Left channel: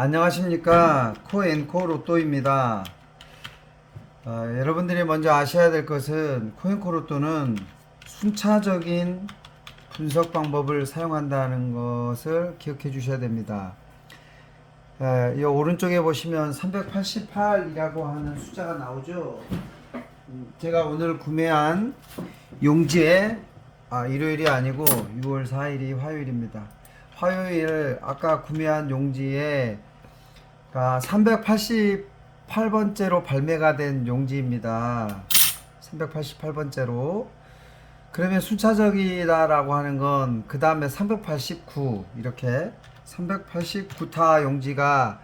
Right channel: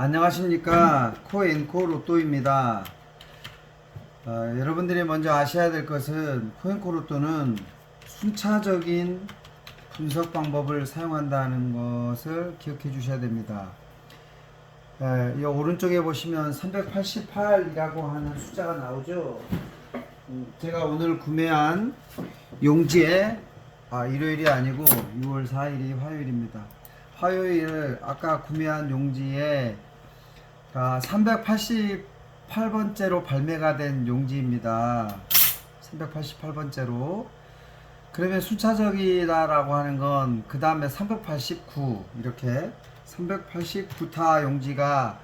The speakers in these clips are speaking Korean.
안녕하십니까. 코앤코 로또입니다. 여러분들이 먼저 아셔야 될 것은 코앤코 로또는 순차적인 분석 방법을 사용한다는 것을 기억해 주셔야 됩니다. 이 오른쪽에 보시면 388이라고 하는 숫자가 나오죠. 제가 오늘 구매한 용지에 일요일이 아니고 6월 4일이 화요일입니다. 화요일 아까 구매한 용지에 388번째로 발매가 된 용지입니다. 388번째로. 그러면 순차적이다라고 하는 건 그 다음에 389 이렇게 389타 용지가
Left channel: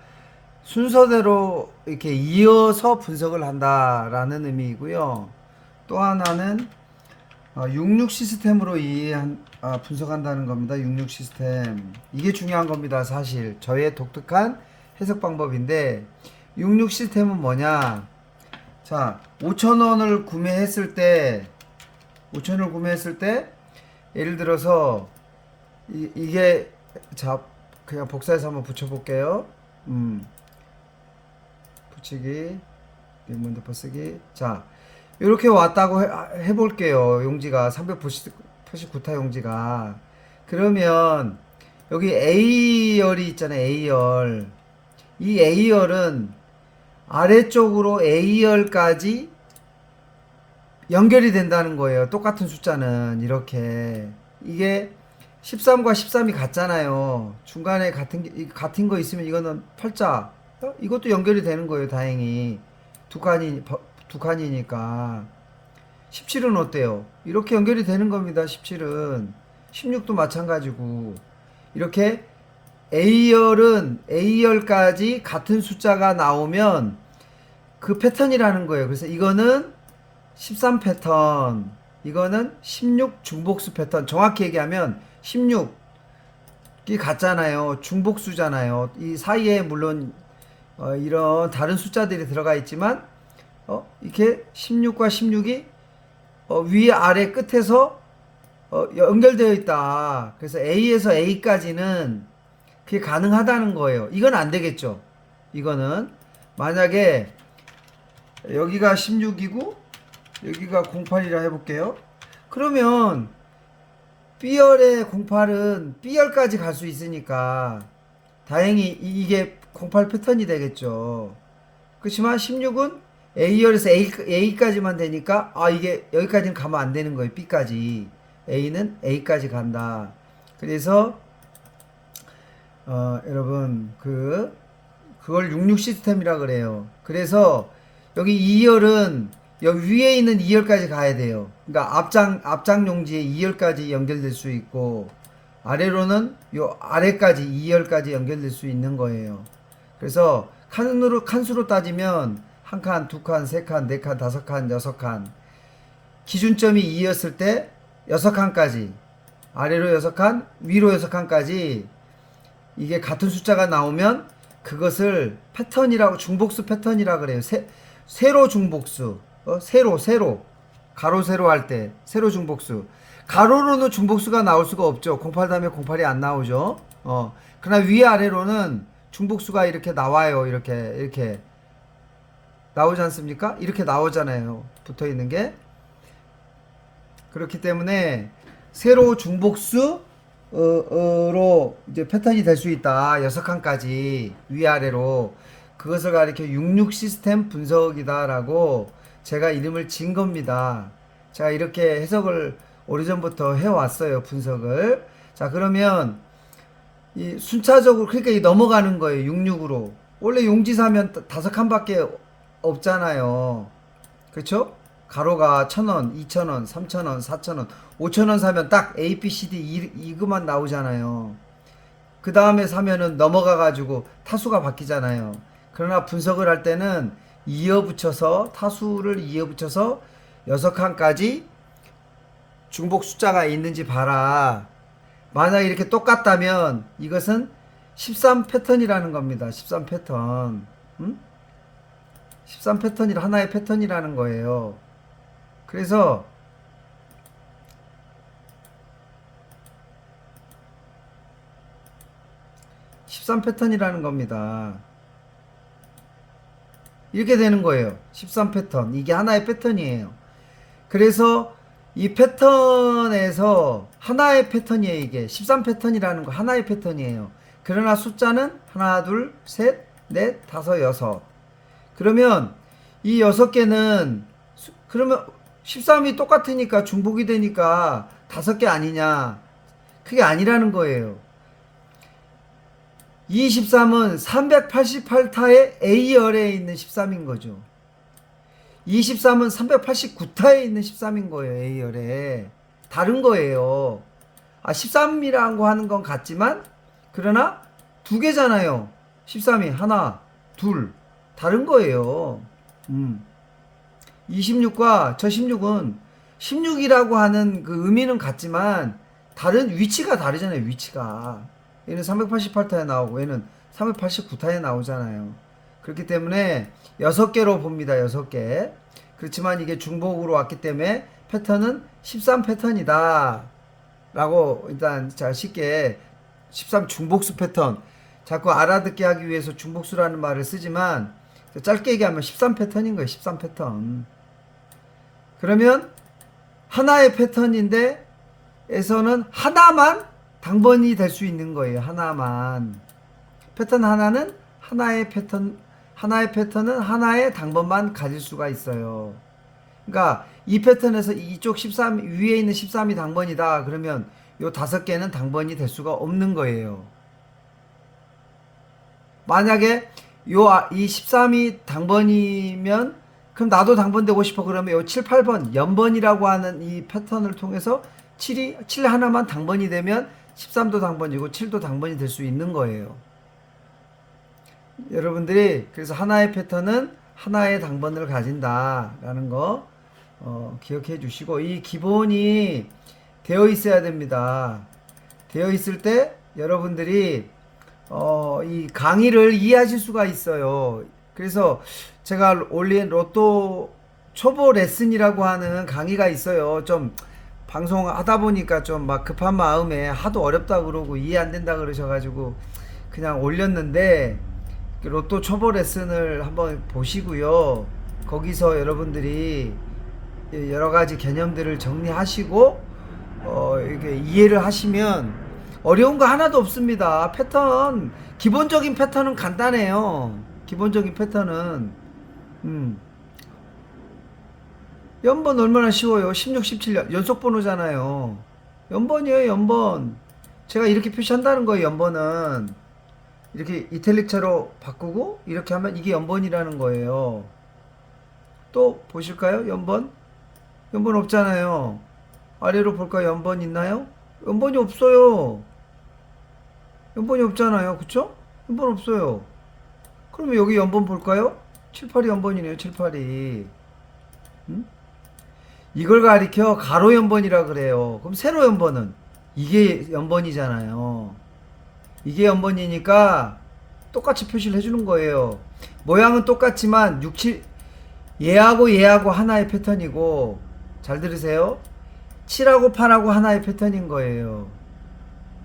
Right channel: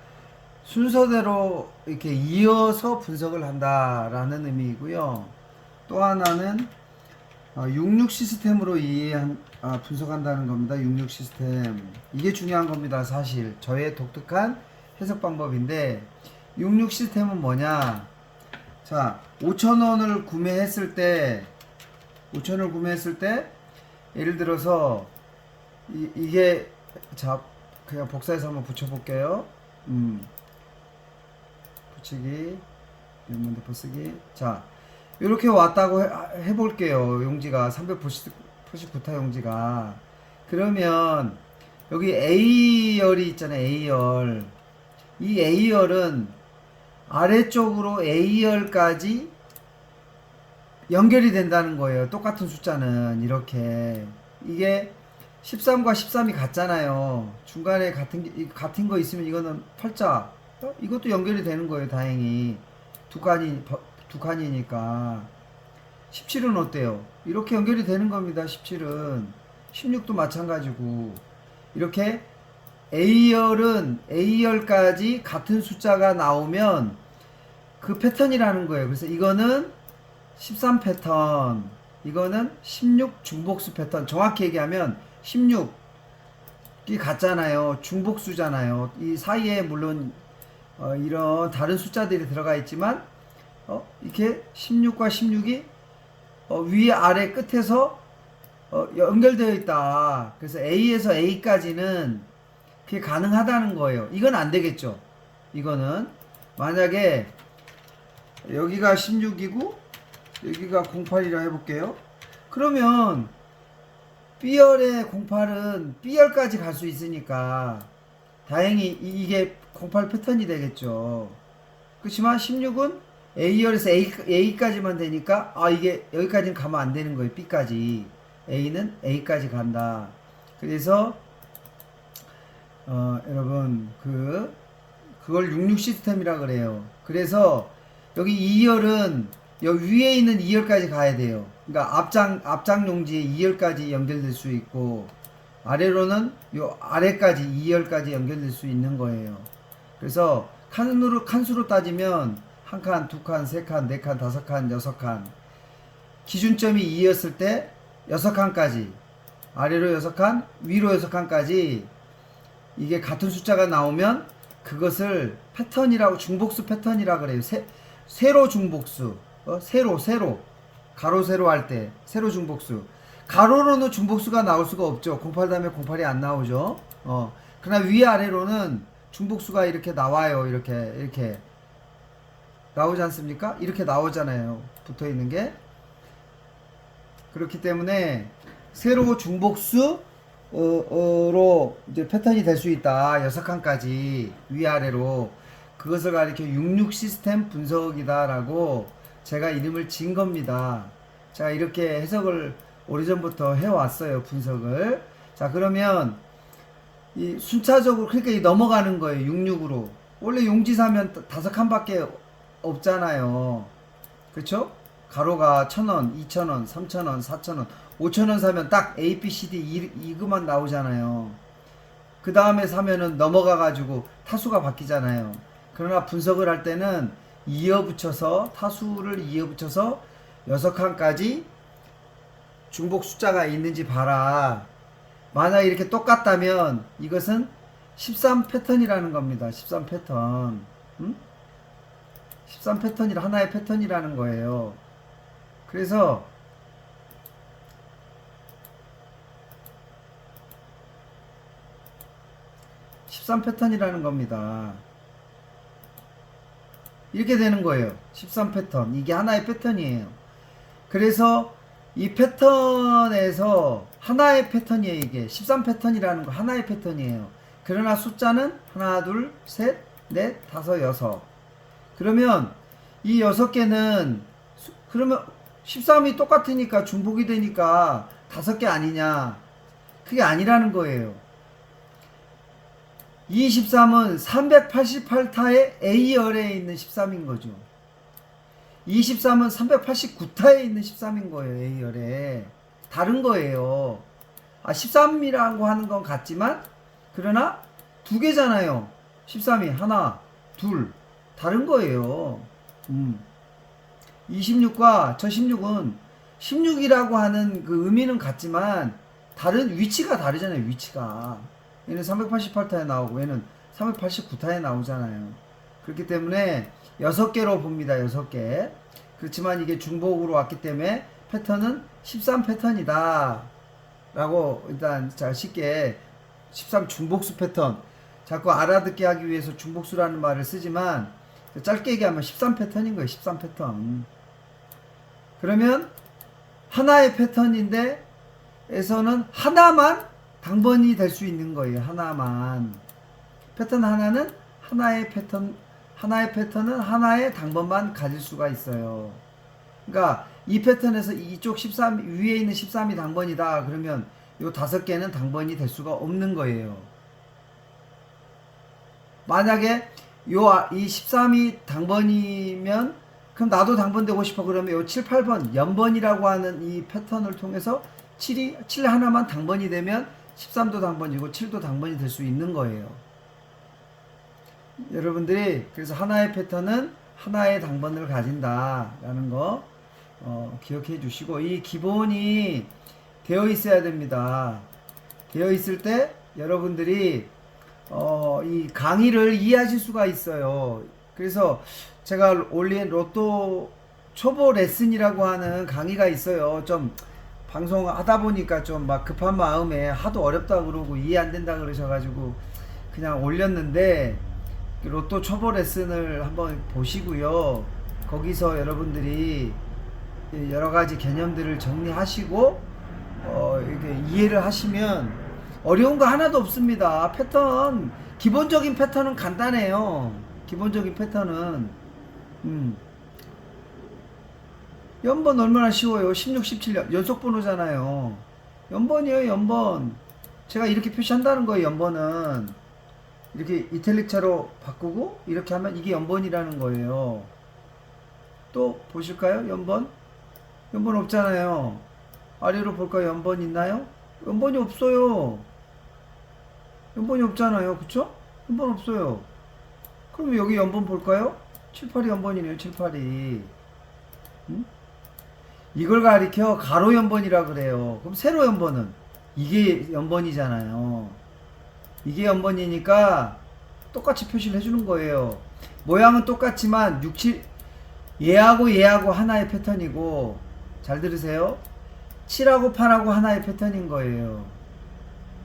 순서대로 이렇게 이어서 분석을 한다라는 의미이고요. 또 하나는 66 시스템으로 분석한다는 겁니다. 66 시스템. 이게 중요한 겁니다. 사실 저의 독특한 해석 방법인데 66 시스템은 뭐냐? 자, 5,000원을 구매했을 때 5,000원을 구매했을 때 예를 들어서 이게 자 그냥 복사해서 한번 붙여볼게요. 붙이기 리몬드 쓰기. 자, 이렇게 왔다고 해볼게요. 용지가 389타 용지가. 그러면 여기 A열이 있잖아요. A열. 이 A열은 아래쪽으로 A열까지 연결이 된다는 거예요. 똑같은 숫자는 이렇게. 이게 13과 13이 같잖아요. 중간에 같은 거 있으면 이거는 팔자. 이것도 연결이 되는 거예요. 다행히. 두 칸이니까. 17은 어때요? 이렇게 연결이 되는 겁니다. 17은. 16도 마찬가지고. 이렇게 A열은 A열까지 같은 숫자가 나오면 그 패턴이라는 거예요. 그래서 이거는 13 패턴, 이거는 16 중복수 패턴. 정확히 얘기하면 16이 같잖아요. 중복수잖아요. 이 사이에 물론 이런 다른 숫자들이 들어가 있지만 이렇게 16과 16이 위 아래 끝에서 연결되어 있다. 그래서 A에서 A까지는 그게 가능하다는 거예요. 이건 안 되겠죠. 이거는 만약에 여기가 16이고 여기가 08이라 해볼게요. 그러면 B열의 08은 B열까지 갈 수 있으니까 다행히 이게 08 패턴이 되겠죠. 그렇지만 16은 A열에서 A까지만 되니까 이게 여기까지는 가면 안 되는 거예요. B까지. A는 A까지 간다. 그래서 여러분 그걸 66 시스템이라 그래요. 그래서 여기 2열은 여기 위에 있는 2열까지 가야 돼요. 그러니까 앞장 용지에 2열까지 연결될 수 있고 아래로는 요 아래까지 2열까지 연결될 수 있는 거예요. 그래서 칸수로 따지면 한 칸, 두 칸, 세 칸, 네 칸, 다섯 칸, 여섯 칸. 기준점이 2였을 때 6칸까지 아래로 6칸, 위로 6칸까지 이게 같은 숫자가 나오면 그것을 패턴이라고 중복수 패턴이라 그래요. 세로 중복수. 세로 가로 세로 할 때 세로 중복수. 가로로는 중복수가 나올 수가 없죠. 08 다음에 08이 안 나오죠. 그러나 위아래로는 중복수가 이렇게 나와요. 이렇게 나오지 않습니까? 이렇게 나오잖아요. 붙어 있는 게. 그렇기 때문에 세로 중복수 로 이제 패턴이 될 수 있다. 6칸까지 위아래로. 그것을 가리켜 66 시스템 분석이다라고 제가 이름을 진 겁니다. 제가 이렇게 해석을 오래전부터 해왔어요. 분석을. 자, 그러면 이 순차적으로 그러니까 이 넘어가는 거예요. 66으로. 원래 용지 사면 5칸밖에 없잖아요. 그렇죠? 가로가 1,000원, 2,000원, 3,000원, 4,000원, 5,000원 사면 딱 A, B, C, D 이것만 나오잖아요. 그 다음에 사면은 넘어가가지고 타수가 바뀌잖아요. 그러나 분석을 할 때는 타수를 이어붙여서 6칸까지 중복 숫자가 있는지 봐라. 만약에 이렇게 똑같다면 이것은 13 패턴이라는 겁니다. 13 패턴. 13 패턴이 하나의 패턴이라는 거예요. 그래서 13 13 패턴이라는 겁니다. 이렇게 되는 거예요. 13 패턴. 이게 하나의 패턴이에요. 그래서 이 패턴에서 하나의 패턴이에요. 이게 13 패턴이라는 거 하나의 패턴이에요. 그러나 숫자는 하나, 둘, 셋, 넷, 다섯, 여섯. 그러면 이 6개는 그러면 13이 똑같으니까 중복이 되니까 5개 아니냐? 그게 아니라는 거예요. 이 13은 388타의 A열에 있는 13인 거죠. 23은 389타에 있는 13인 거예요. A열에. 다른 거예요. 13이라고 하는 건 같지만 그러나 두 개잖아요. 13이 하나, 둘. 다른 거예요. 26과 저 16은 16이라고 하는 그 의미는 같지만 다른 위치가 다르잖아요. 위치가. 얘는 388타에 나오고 얘는 389타에 나오잖아요. 그렇기 때문에 6개로 봅니다. 6개. 그렇지만 이게 중복으로 왔기 때문에 패턴은 13 패턴이다. 라고 일단 자 쉽게 13 중복수 패턴. 자꾸 알아듣게 하기 위해서 중복수라는 말을 쓰지만 짧게 얘기하면 13 패턴인 거예요. 13 패턴. 그러면 하나의 패턴인데 에서는 하나만 당번이 될 수 있는 거예요. 하나만. 패턴 하나는 하나의 패턴은 하나의 당번만 가질 수가 있어요. 그러니까 이 패턴에서 이쪽 13 위에 있는 13이 당번이다. 그러면 요 5개는 당번이 될 수가 없는 거예요. 만약에 이 13이 당번이면 그럼 나도 당번되고 싶어. 그러면 요 7, 8번 연번이라고 하는 이 패턴을 통해서 7 하나만 당번이 되면 13도 당번이고 7도 당번이 될 수 있는 거예요. 여러분들이 그래서 하나의 패턴은 하나의 당번을 가진다라는 거 기억해 주시고 이 기본이 되어 있어야 됩니다. 되어 있을 때 여러분들이 이 강의를 이해하실 수가 있어요. 그래서 제가 올린 로또 초보 레슨이라고 하는 강의가 있어요. 좀 방송하다 보니까 좀 막 급한 마음에 하도 어렵다고 그러고 이해 안 된다 그러셔가지고 그냥 올렸는데 로또 초보 레슨을 한번 보시고요. 거기서 여러분들이 여러 가지 개념들을 정리하시고 이렇게 이해를 하시면 어려운 거 하나도 없습니다. 패턴 기본적인 패턴은 간단해요. 기본적인 패턴은 연번 얼마나 쉬워요. 16, 17년 연속 번호잖아요. 연번이에요. 연번. 제가 이렇게 표시한다는 거예요. 연번은 이렇게 이탈릭체로 바꾸고 이렇게 하면 이게 연번이라는 거예요. 또 보실까요? 연번? 연번 없잖아요. 아래로 볼까요? 연번 있나요? 연번이 없어요. 연번이 없잖아요. 그쵸? 연번 없어요. 그러면 여기 연번 볼까요? 7, 8이 연번이네요. 7, 8이. 이걸 가리켜 가로 연번이라 그래요. 그럼 세로 연번은 이게 연번이잖아요. 이게 연번이니까 똑같이 표시를 해주는 거예요. 모양은 똑같지만 6, 7 얘하고 하나의 패턴이고 잘 들으세요. 7하고 8하고 하나의 패턴인 거예요.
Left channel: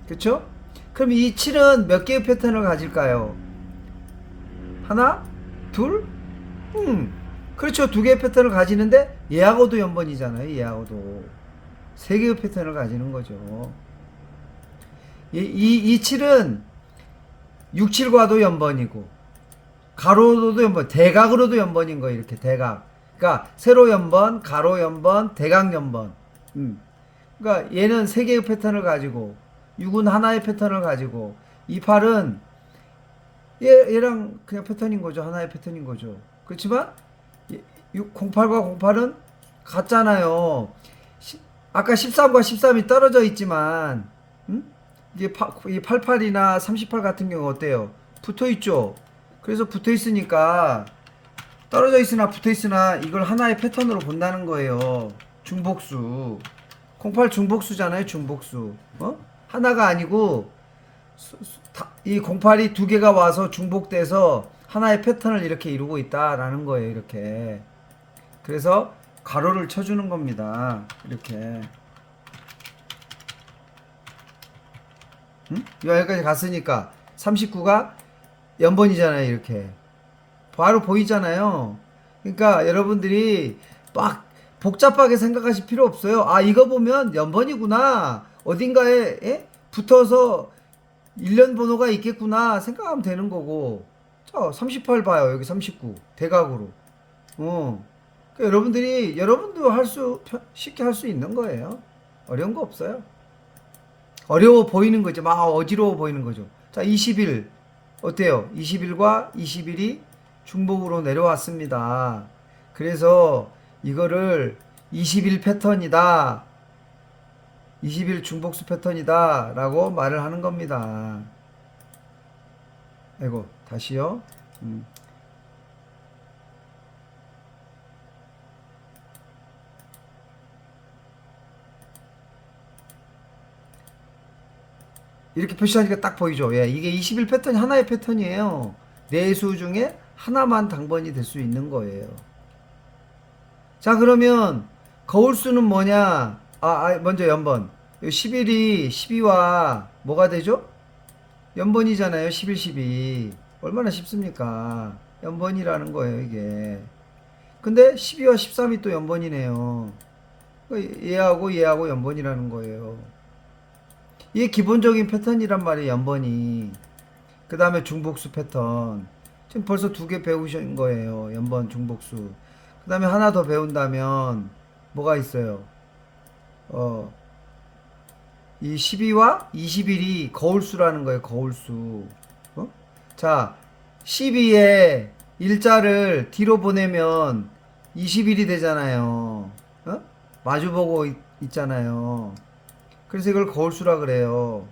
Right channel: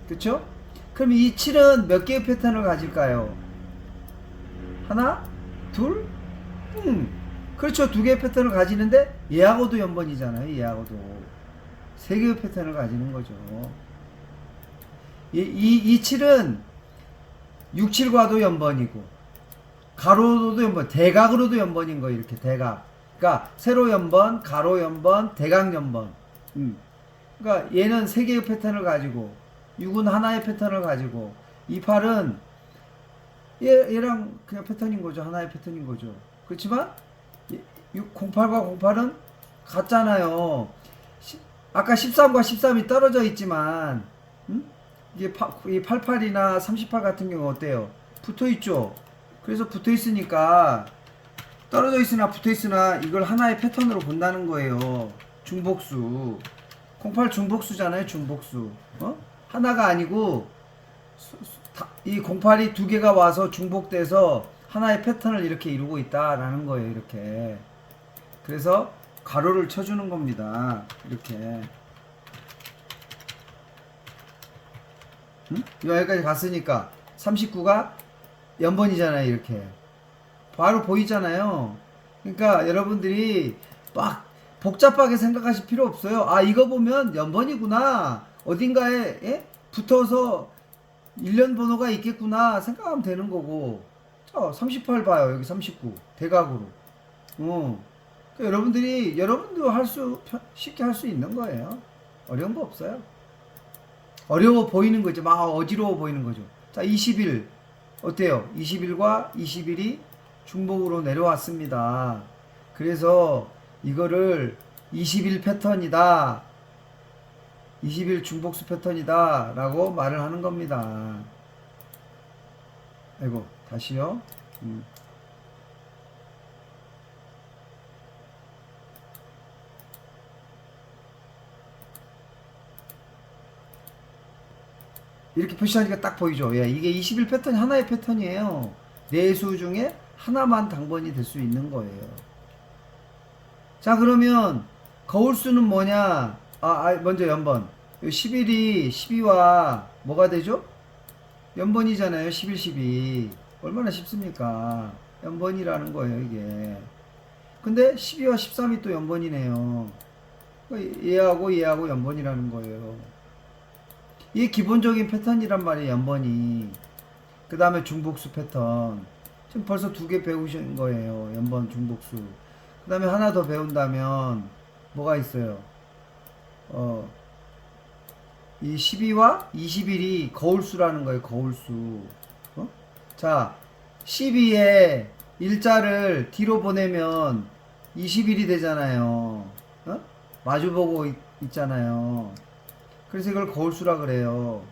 그쵸? 그럼 이 7은 몇 개의 패턴을 가질까요? 하나? 둘? 그렇죠. 2개의 패턴을 가지는데 얘하고도 연번이잖아요. 얘하고도 3개의 패턴을 가지는 거죠. 이 7은 6, 7과도 연번이고 가로로도 연번, 대각으로도 연번인 거예요. 이렇게 대각. 그러니까 세로 연번, 가로 연번, 대각 연번. 그러니까 얘는 3개의 패턴을 가지고 6은 하나의 패턴을 가지고 이 8은 얘랑 그냥 패턴인 거죠. 하나의 패턴인 거죠. 그렇지만 08과 08은 같잖아요. 아까 13과 13이 떨어져 있지만 이게 이 88이나 38 같은 경우 어때요? 붙어 있죠. 그래서 붙어 있으니까 떨어져 있으나 붙어 있으나 이걸 하나의 패턴으로 본다는 거예요. 중복수. 08 중복수잖아요. 중복수. 하나가 아니고 이 08이 2개가 와서 중복돼서 하나의 패턴을 이렇게 이루고 있다라는 거예요. 이렇게. 그래서 가로를 쳐주는 겁니다. 이렇게. 여기까지 갔으니까 39가 연번이잖아요. 이렇게 바로 보이잖아요. 그러니까 여러분들이 막 복잡하게 생각하실 필요 없어요. 아, 이거 보면 연번이구나, 어딘가에 붙어서 1년 번호가 있겠구나 생각하면 되는 거고. 자, 38 봐요. 여기 39 대각으로. 그러니까 여러분도 쉽게 할 수 있는 거예요. 어려운 거 없어요. 어려워 보이는 거죠. 막 어지러워 보이는 거죠. 자, 21 어때요? 21과 21이 중복으로 내려왔습니다. 그래서 이거를 21 패턴이다, 21 중복수 패턴이다 라고 말을 하는 겁니다. 아이고, 다시요. 이렇게 표시하니까 딱 보이죠. 예, 이게 21 패턴이 하나의 패턴이에요. 네 수 중에 하나만 당번이 될 수 있는 거예요. 자, 그러면 거울수는 뭐냐? 먼저 연번. 11이 12와 뭐가 되죠? 연번이잖아요. 11, 12. 얼마나 쉽습니까? 연번이라는 거예요, 이게. 근데 12와 13이 또 연번이네요. 그러니까 얘하고 연번이라는 거예요. 이게 기본적인 패턴이란 말이에요, 연번이. 그 다음에 중복수 패턴. 지금 벌써 2개 배우신 거예요, 연번, 중복수. 그 다음에 하나 더 배운다면 뭐가 있어요? 이 12와 21이 거울수라는 거예요, 거울수. 자, 12에 일자를 뒤로 보내면 21이 되잖아요. 마주보고 있잖아요. 그래서 이걸 거울수라 그래요.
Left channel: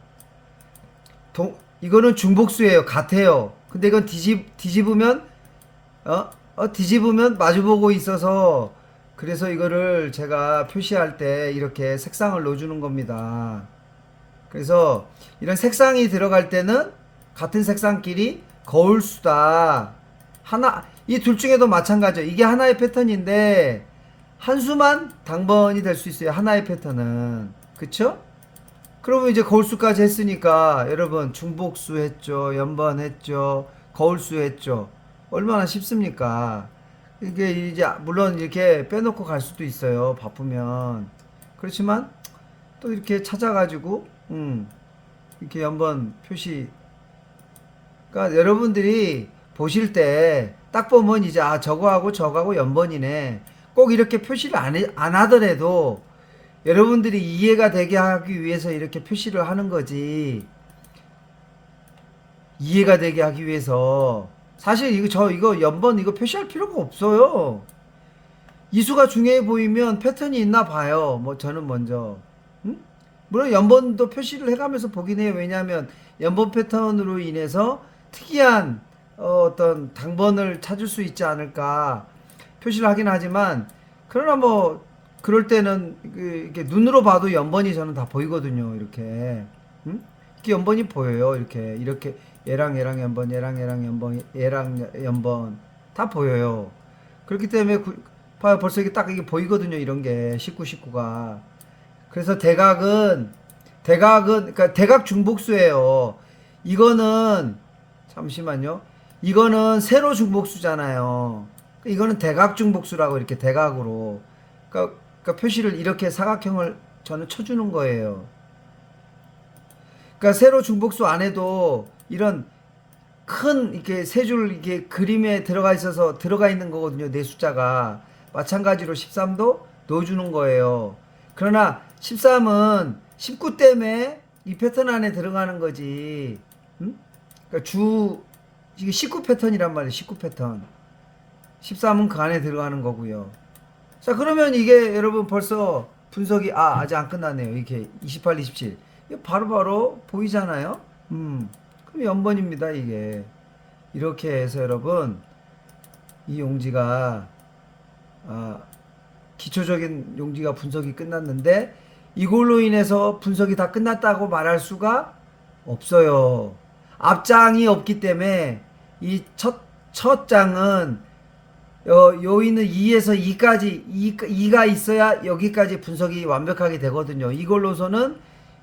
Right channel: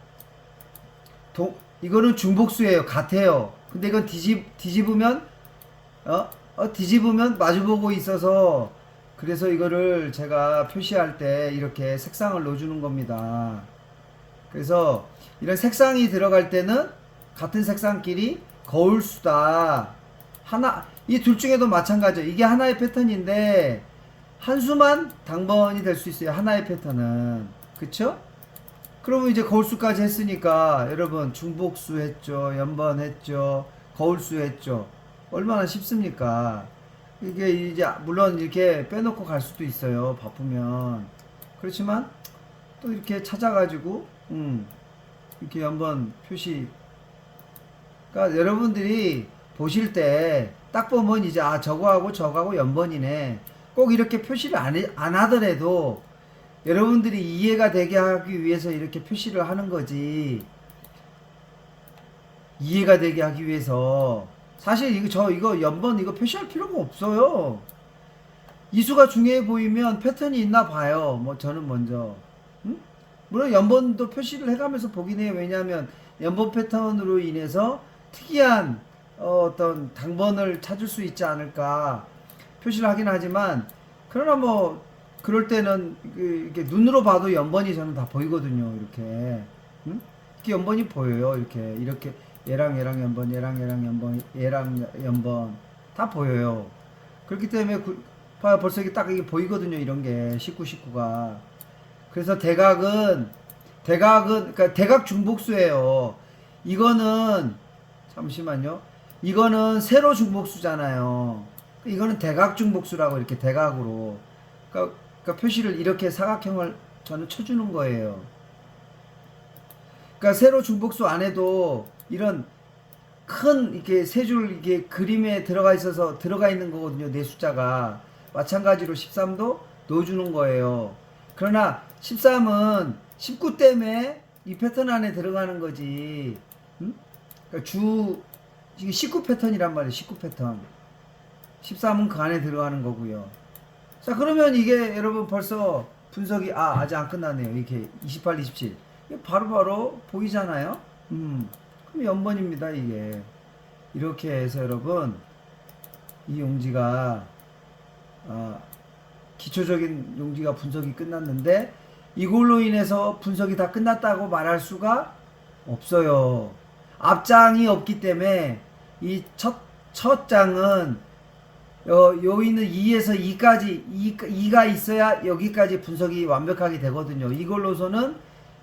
이거는 중복수예요. 같아요. 근데 이건 뒤집으면 뒤집으면 마주보고 있어서, 그래서 이거를 제가 표시할 때 이렇게 색상을 넣어주는 겁니다. 그래서 이런 색상이 들어갈 때는 같은 색상끼리 거울수다. 이 둘 중에도 마찬가지예요. 이게 하나의 패턴인데 한 수만 당번이 될 수 있어요. 하나의 패턴은. 그쵸? 그러면 이제 거울수까지 했으니까 여러분, 중복수 했죠, 연번 했죠, 거울수 했죠. 얼마나 쉽습니까? 이게 이제 물론 이렇게 빼놓고 갈 수도 있어요, 바쁘면. 그렇지만 또 이렇게 찾아가지고 이렇게 연번 표시. 그러니까 여러분들이 보실 때 딱 보면 이제 저거하고 연번이네, 꼭 이렇게 표시를 안 하더라도 여러분들이 이해가 되게 하기 위해서 이렇게 표시를 하는 거지. 이해가 되게 하기 위해서. 사실 이거 연번 이거 표시할 필요가 없어요. 이수가 중요해 보이면 패턴이 있나 봐요. 뭐 저는 먼저. 물론 연번도 표시를 해가면서 보긴 해요. 왜냐하면 연번 패턴으로 인해서 특이한 어떤 당번을 찾을 수 있지 않을까 표시를 하긴 하지만, 그러나 뭐 그럴 때는 이렇게 눈으로 봐도 연번이 저는 다 보이거든요. 이렇게. 이렇게 연번이 보여요. 이렇게 얘랑 연번, 얘랑 연번, 얘랑 연번 다 보여요. 그렇기 때문에 봐요. 벌써 이게 보이거든요. 이런 게 19가. 그래서 대각은 그러니까 대각 중복수예요. 이거는 잠시만요. 이거는 세로 중복수잖아요. 이거는 대각 중복수라고, 이렇게 대각으로. 그러니까 표시를 이렇게 사각형을 저는 쳐주는 거예요. 그러니까 세로 중복수 안에도 이런 큰 이렇게 세 줄 이게 그림에 들어가 있는 거거든요. 네 숫자가. 마찬가지로 13도 넣어주는 거예요. 그러나 13은 19 때문에 이 패턴 안에 들어가는 거지. 그러니까 이게 19 패턴이란 말이에요. 19 패턴. 13은 그 안에 들어가는 거고요. 자, 그러면 이게 여러분 벌써 분석이 아직 안 끝났네요. 이렇게 28, 27 바로바로 보이잖아요. 그럼 연번입니다. 이게 이렇게 해서 여러분, 이 용지가 기초적인 용지가 분석이 끝났는데, 이걸로 인해서 분석이 다 끝났다고 말할 수가 없어요. 앞장이 없기 때문에 이 첫 장은 요 있는 2에서 2가 있어야 여기까지 분석이 완벽하게 되거든요. 이걸로서는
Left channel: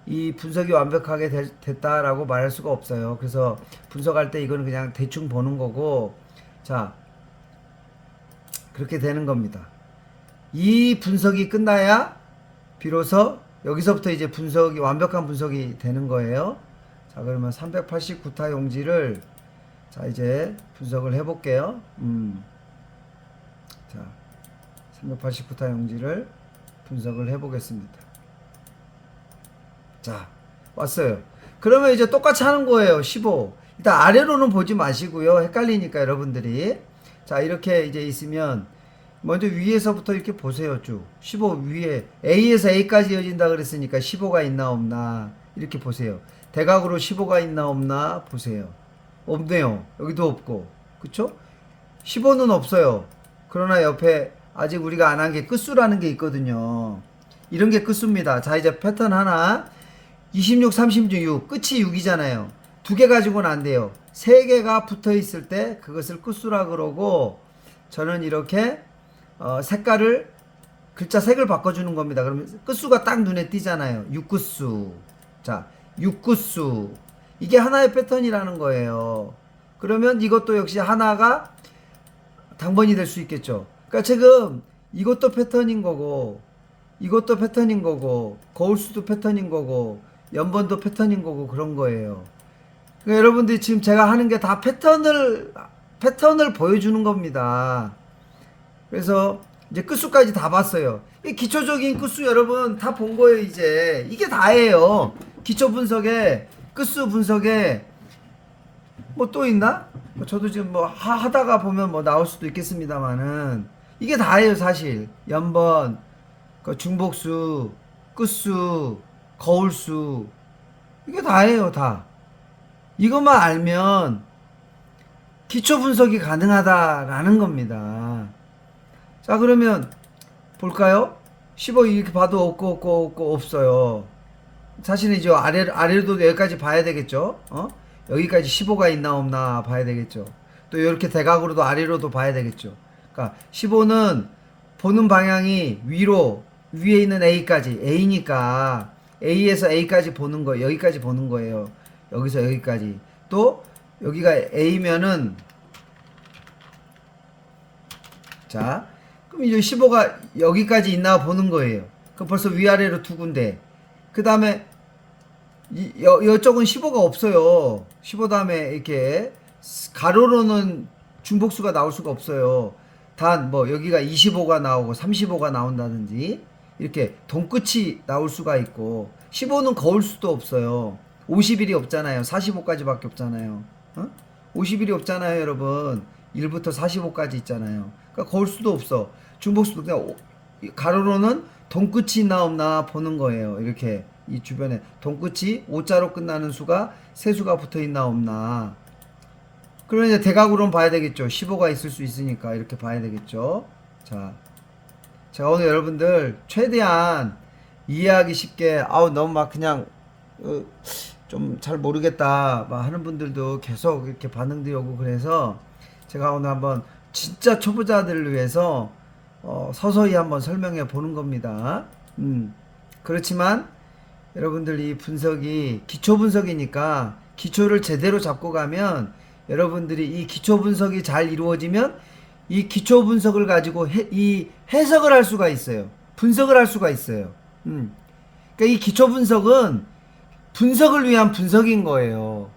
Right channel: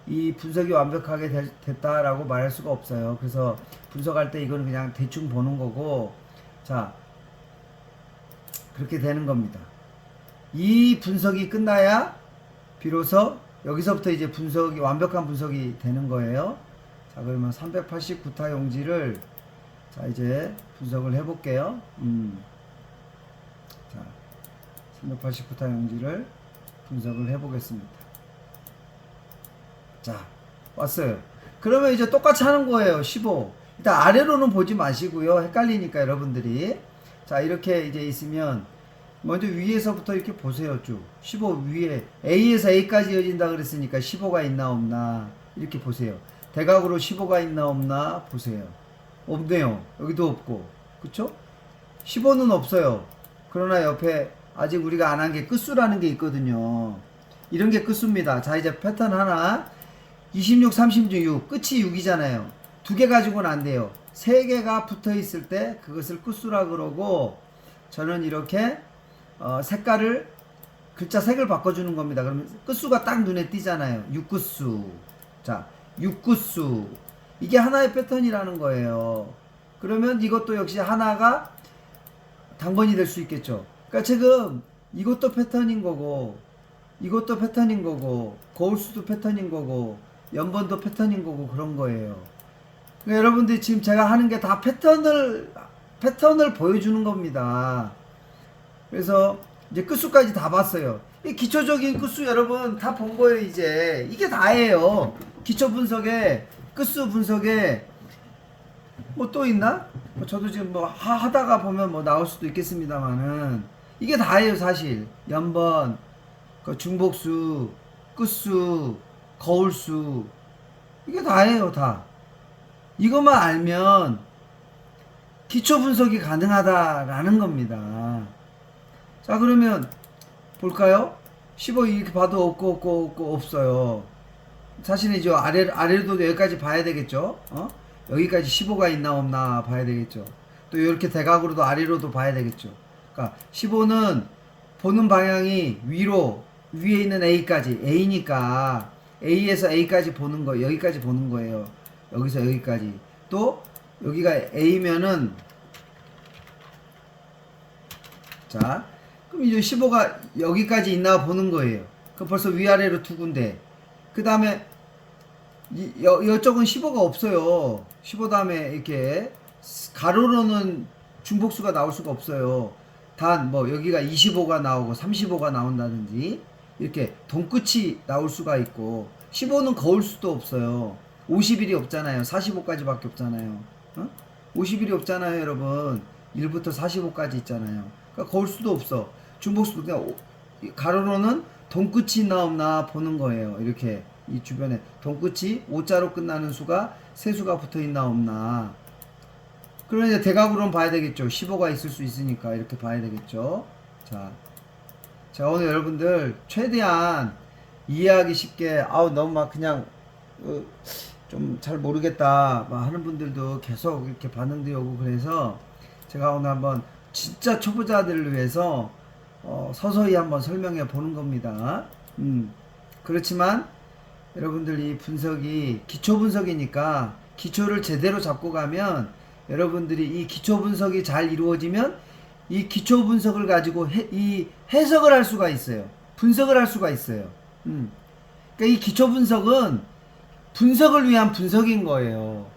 이 분석이 완벽하게 됐다라고 말할 수가 없어요. 그래서 분석할 때 이거는 그냥 대충 보는 거고, 자, 그렇게 되는 겁니다. 이 분석이 끝나야 비로소 여기서부터 이제 분석이 완벽한 분석이 되는 거예요. 자, 그러면 389타 용지를 자 이제 분석을 해볼게요. 자, 389타 용지를 분석을 해보겠습니다. 자, 왔어요. 그러면 이제 똑같이 하는 거예요. 15. 일단 아래로는 보지 마시고요. 헷갈리니까 여러분들이. 자, 이렇게 이제 있으면 먼저 위에서부터 이렇게 보세요. 쭉 15 위에 A에서 A까지 이어진다 그랬으니까 15가 있나 없나 이렇게 보세요. 대각으로 15가 있나 없나 보세요. 없네요. 여기도 없고, 그쵸? 15는 없어요. 그러나 옆에 아직 우리가 안 한 게 끝수라는 게 있거든요. 이런 게 끝수입니다. 자, 이제 패턴 하나. 26, 36 끝이 6이잖아요. 두 개 가지고는 안 돼요. 세 개가 붙어 있을 때 그것을 끝수라 그러고, 저는 이렇게 색깔을 글자 색을 바꿔주는 겁니다. 그러면 끝수가 딱 눈에 띄잖아요. 6끝수. 자, 6끝수. 이게 하나의 패턴이라는 거예요. 그러면 이것도 역시 하나가 당번이 될 수 있겠죠. 그러니까 지금 이것도 패턴인 거고, 이것도 패턴인 거고, 거울수도 패턴인 거고, 연번도 패턴인 거고, 그런 거예요. 그러니까 여러분들이 지금 제가 하는 게 다 패턴을 보여주는 겁니다. 그래서 이제 끝수까지 다 봤어요. 이 기초적인 끝수 여러분 다 본 거예요. 이제 이게 다예요. 기초 분석에, 끝수 분석에 뭐 또 있나? 저도 지금 뭐 하다가 보면 뭐 나올 수도 있겠습니다만은 이게 다예요. 사실 연번, 중복수, 끝수, 거울수, 이게 다예요. 다 이것만 알면 기초 분석이 가능하다라는 겁니다. 자, 그러면 볼까요? 15 이렇게 봐도 없고 없어요. 사실은 이제 아래로도 여기까지 봐야 되겠죠. 여기까지 15가 있나 없나 봐야 되겠죠. 또 이렇게 대각으로도 아래로도 봐야 되겠죠. 그러니까 15는 보는 방향이 위에 있는 A까지, A니까 A에서 A까지 보는 거, 여기까지 보는 거예요. 여기서 여기까지. 또 여기가 A면은, 자, 그럼 이제 15가 여기까지 있나 보는 거예요. 그 벌써 위아래로 두 군데. 그 다음에 이쪽은 15가 없어요. 15 다음에 이렇게 가로로는 중복수가 나올 수가 없어요. 단 뭐 여기가 25가 나오고 35가 나온다든지 이렇게 동끝이 나올 수가 있고, 15는 거울 수도 없어요. 50일이 없잖아요. 45까지밖에 없잖아요. 50일이 없잖아요, 여러분. 1부터 45까지 있잖아요. 그러니까 거울 수도 없어. 중복수도 그냥 가로로는 동끝이 있나 없나 보는 거예요. 이렇게 이 주변에 동끝이 5자로 끝나는 수가 세 수가 붙어 있나 없나. 그러면 이제 대각으로는 봐야 되겠죠. 15가 있을 수 있으니까 이렇게 봐야 되겠죠. 자, 제가 오늘 여러분들 최대한 이해하기 쉽게, 너무 막 그냥 좀 잘 모르겠다 막 하는 분들도 계속 이렇게 반응도 오고, 그래서 제가 오늘 한번 진짜 초보자들을 위해서 서서히 한번 설명해 보는 겁니다. 그렇지만 여러분들 이 분석이 기초 분석이니까 기초를 제대로 잡고 가면, 여러분들이 이 기초 분석이 잘 이루어지면 이 기초 분석을 가지고 이 해석을 할 수가 있어요. 분석을 할 수가 있어요. 그러니까 이 기초 분석은 분석을 위한 분석인 거예요.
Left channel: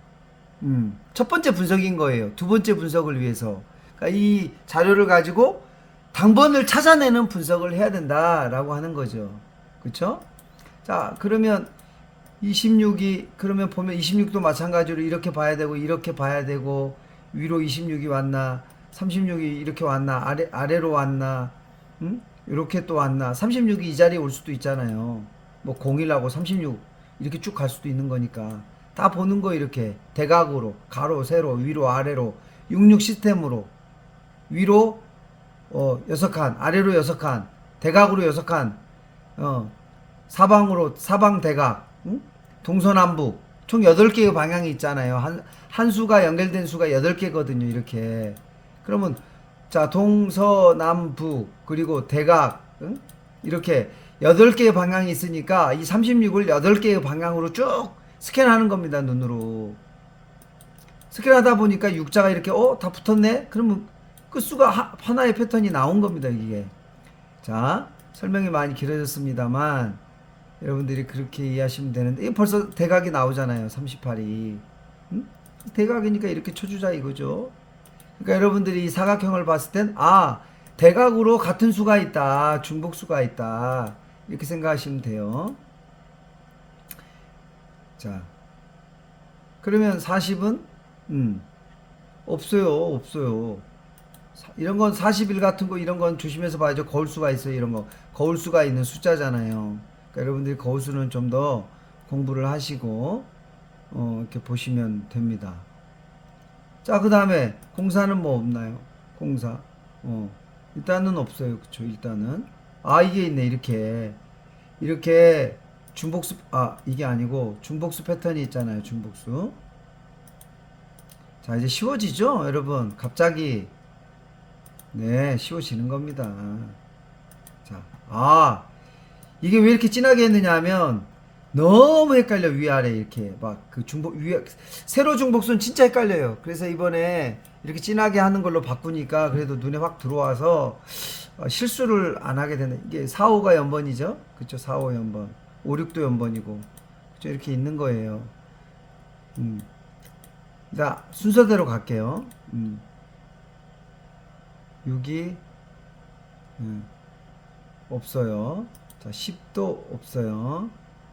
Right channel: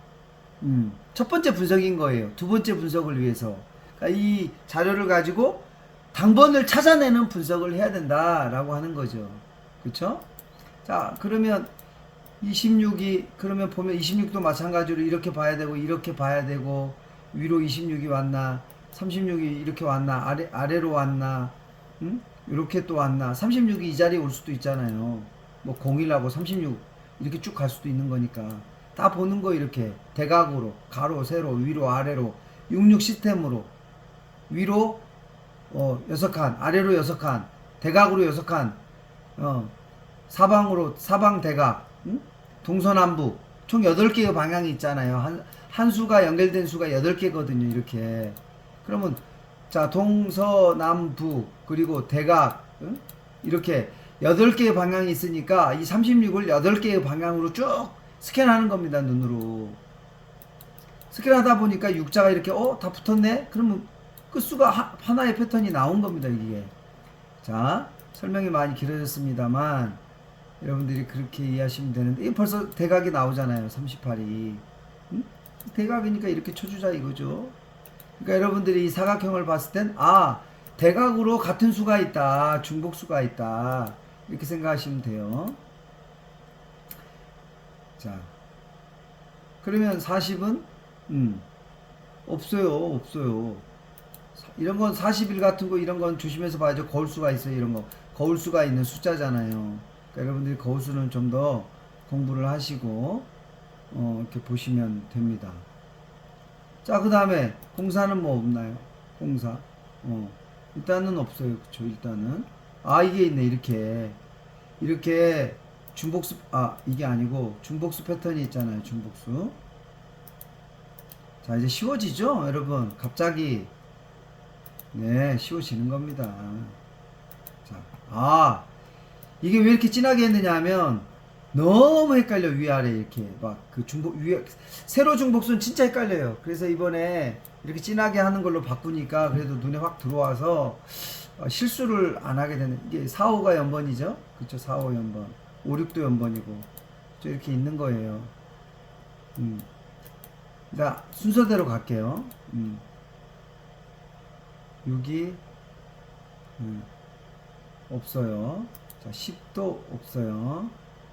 첫 번째 분석인 거예요. 두 번째 분석을 위해서. 그러니까 이 자료를 가지고 당번을 찾아내는 분석을 해야 된다라고 하는 거죠. 그렇죠? 자, 그러면 26이, 그러면 보면 26도 마찬가지로 이렇게 봐야 되고 이렇게 봐야 되고, 위로 26이 왔나, 36이 이렇게 왔나, 아래로 왔나, 이렇게 또 왔나. 36이 이 자리에 올 수도 있잖아요. 뭐 01하고 36 이렇게 쭉 갈 수도 있는 거니까 다 보는 거. 이렇게 대각으로, 가로, 세로, 위로, 아래로 66 시스템으로 위로 6칸, 아래로 6칸, 대각으로 6칸, 사방 대각, 동서남북 총 8개의 방향이 있잖아요. 한 수가 연결된 수가 8개거든요. 이렇게. 그러면 자, 동서남북 그리고 대각, 이렇게 8개의 방향이 있으니까 이 36을 8개의 방향으로 쭉 스캔하는 겁니다. 눈으로. 스캔하다 보니까 육자가 이렇게 다 붙었네? 그러면 끝수가 하나의 패턴이 나온 겁니다. 이게. 자, 설명이 많이 길어졌습니다만 여러분들이 그렇게 이해하시면 되는데 이 벌써 대각이 나오잖아요. 38이. 대각이니까 이렇게 쳐주자 이거죠. 그러니까 여러분들이 이 사각형을 봤을 땐 대각으로 같은 수가 있다. 중복수가 있다. 이렇게 생각하시면 돼요. 자, 그러면 40은 없어요. 이런 건 41 같은 거 이런 건 조심해서 봐야죠. 거울수가 있어요. 이런 거. 거울수가 있는 숫자잖아요. 그러니까 여러분들이 거울수는 좀 더 공부를 하시고 이렇게 보시면 됩니다. 자, 그 다음에 공사는 뭐 없나요? 공사. 일단은 없어요. 그쵸? 일단은. 이게 있네. 이렇게 중복수, 이게 아니고 중복수 패턴이 있잖아요. 중복수. 자, 이제 쉬워지죠? 여러분. 갑자기. 네, 쉬워지는 겁니다. 자, 이게 왜 이렇게 진하게 했느냐 하면 너무 헷갈려. 위아래 이렇게 막 그 세로 중복수는 진짜 헷갈려요. 그래서 이번에 이렇게 진하게 하는 걸로 바꾸니까 그래도 눈에 확 들어와서 실수를 안 하게 되는. 이게 4, 5가 연번이죠. 그쵸? 4, 5 연번. 5, 6도 연번이고. 그쵸? 이렇게 있는 거예요. 자, 순서대로 갈게요. 6이 없어요. 자, 10도 없어요.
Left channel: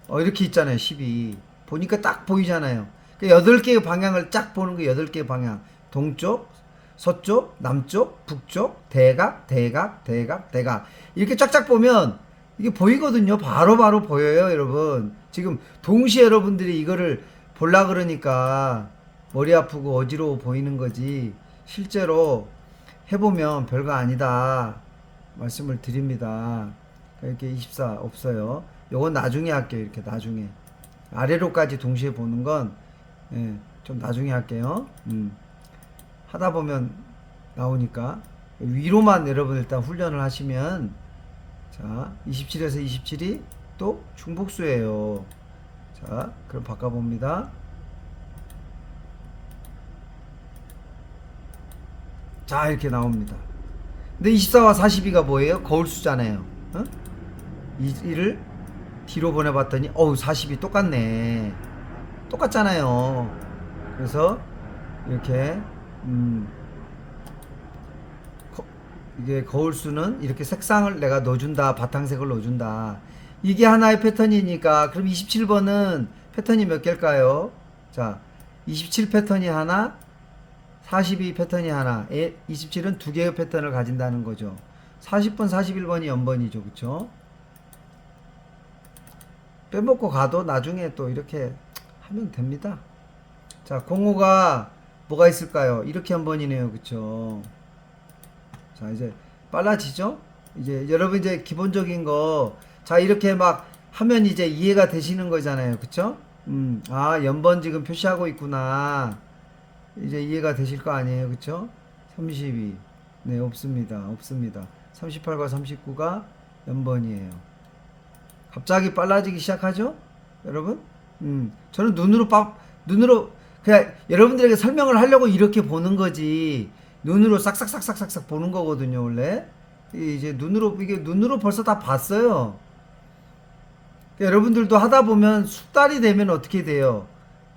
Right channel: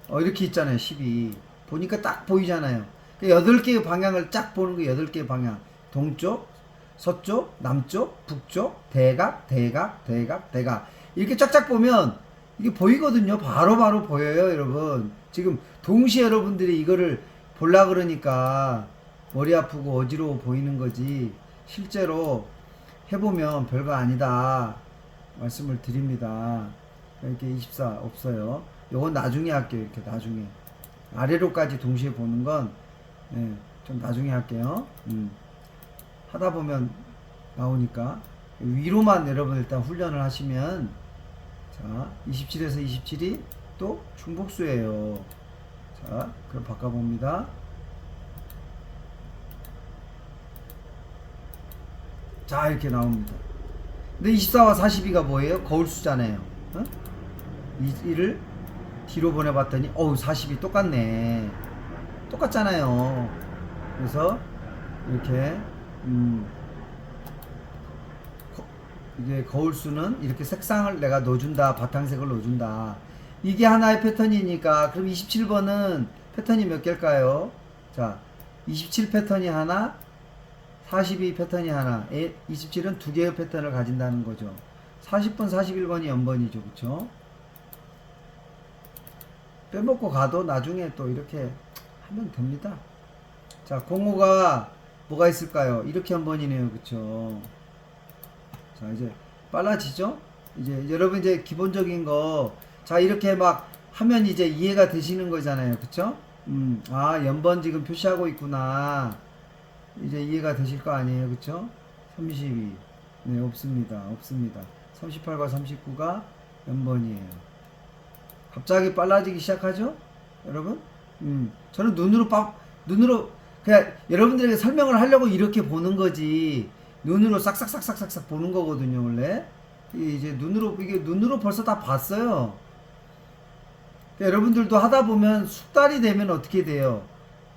이렇게 있잖아요. 10이. 보니까 딱 보이잖아요. 그 8개의 방향을 쫙 보는 거 8개의 방향. 동쪽, 서쪽, 남쪽, 북쪽, 대각, 대각, 대각, 대각. 이렇게 쫙쫙 보면 이게 보이거든요. 바로 보여요, 여러분. 지금 동시에 여러분들이 이거를 볼라 그러니까 머리 아프고 어지러워 보이는 거지. 실제로 해보면 별거 아니다. 말씀을 드립니다. 이렇게 24 없어요. 요건 나중에 할게요. 이렇게 나중에. 아래로까지 동시에 보는 건, 좀 나중에 할게요. 하다 보면 나오니까. 위로만 여러분 일단 훈련을 하시면, 자, 27에서 27이 또 중복수예요. 자, 그럼 바꿔봅니다. 자, 이렇게 나옵니다. 근데 24와 42가 뭐예요? 거울수잖아요. 이를 뒤로 보내봤더니 40이 똑같네. 똑같잖아요. 그래서 이렇게 이게 거울수는 이렇게 색상을 내가 넣어준다. 바탕색을 넣어준다. 이게 하나의 패턴이니까 그럼 27번은 패턴이 몇 개일까요? 자, 27 패턴이 하나, 42 패턴이 하나, 27은 두 개의 패턴을 가진다는 거죠. 40번, 41번이 연번이죠. 그쵸? 빼먹고 가도 나중에 또 이렇게 하면 됩니다. 자, 05가 뭐가 있을까요? 이렇게 한 번이네요. 그쵸? 자, 이제 빨라지죠? 이제 여러분 이제 기본적인 거, 자, 이렇게 막 하면 이제 이해가 되시는 거잖아요. 그쵸? 연번 지금 표시하고 있구나. 이제 이해가 되실 거 아니에요. 그쵸? 32. 네, 없습니다. 38과 39가 연번이에요. 갑자기 빨라지기 시작하죠? 여러분? 저는 눈으로, 그냥 여러분들에게 설명을 하려고 이렇게 보는 거지. 눈으로 싹싹싹싹싹 보는 거거든요, 원래. 이게 눈으로 벌써 다 봤어요. 여러분들도 하다 보면 숙달이 되면 어떻게 돼요?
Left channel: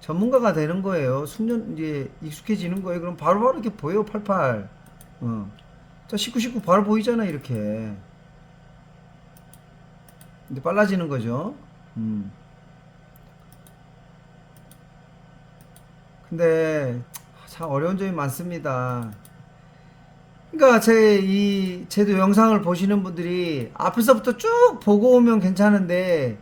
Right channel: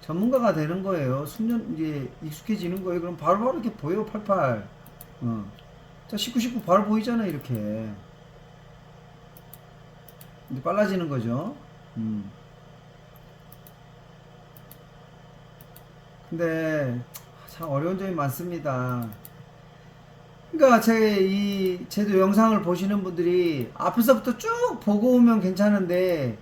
전문가가 되는 거예요. 숙련, 이제 익숙해지는 거예요. 그럼 바로바로 이렇게 보여요, 88. 자, 19 바로 보이잖아, 이렇게. 이제 빨라지는 거죠. 근데 참 어려운 점이 많습니다. 그러니까 제도 영상을 보시는 분들이 앞에서부터 쭉 보고 오면 괜찮은데,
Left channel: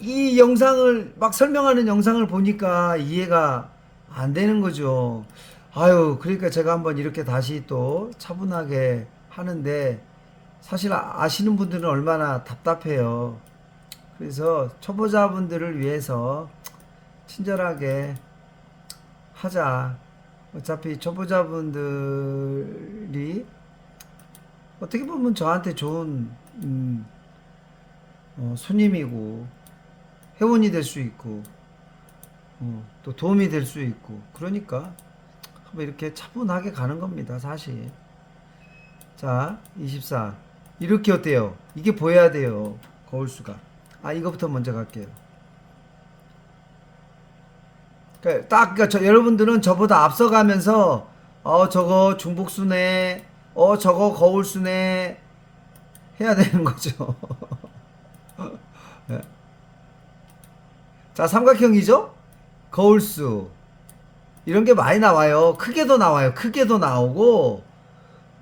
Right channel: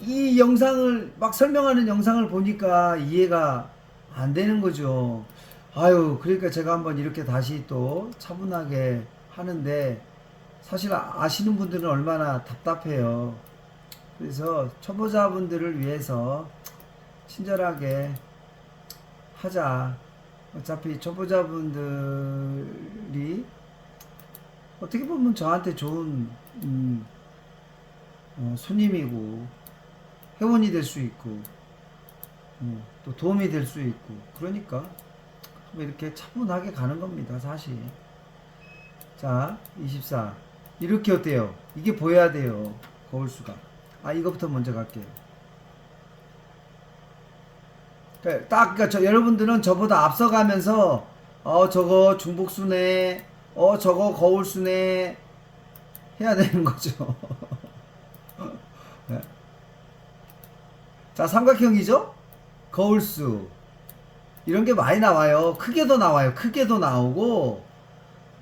이 영상을 막 설명하는 영상을 보니까 이해가 안 되는 거죠. 그러니까 제가 한번 이렇게 다시 또 차분하게 하는데, 사실 아시는 분들은 얼마나 답답해요. 그래서 초보자분들을 위해서 친절하게 하자. 어차피 초보자분들이 어떻게 보면 저한테 좋은 손님이고 회원이 될 수 있고 또 도움이 될 수 있고 그러니까 뭐 이렇게 차분하게 가는 겁니다 사실. 자 24 이렇게 어때요? 이게 보여야 돼요 거울수가. 이거부터 먼저 갈게요. 그러니까 여러분들은 저보다 앞서가면서 저거 중복수네 저거 거울수네 해야 되는 거죠. 네. 자 삼각형이죠? 거울수 이런 게 많이 나와요. 크게도 나와요. 크게도 나오고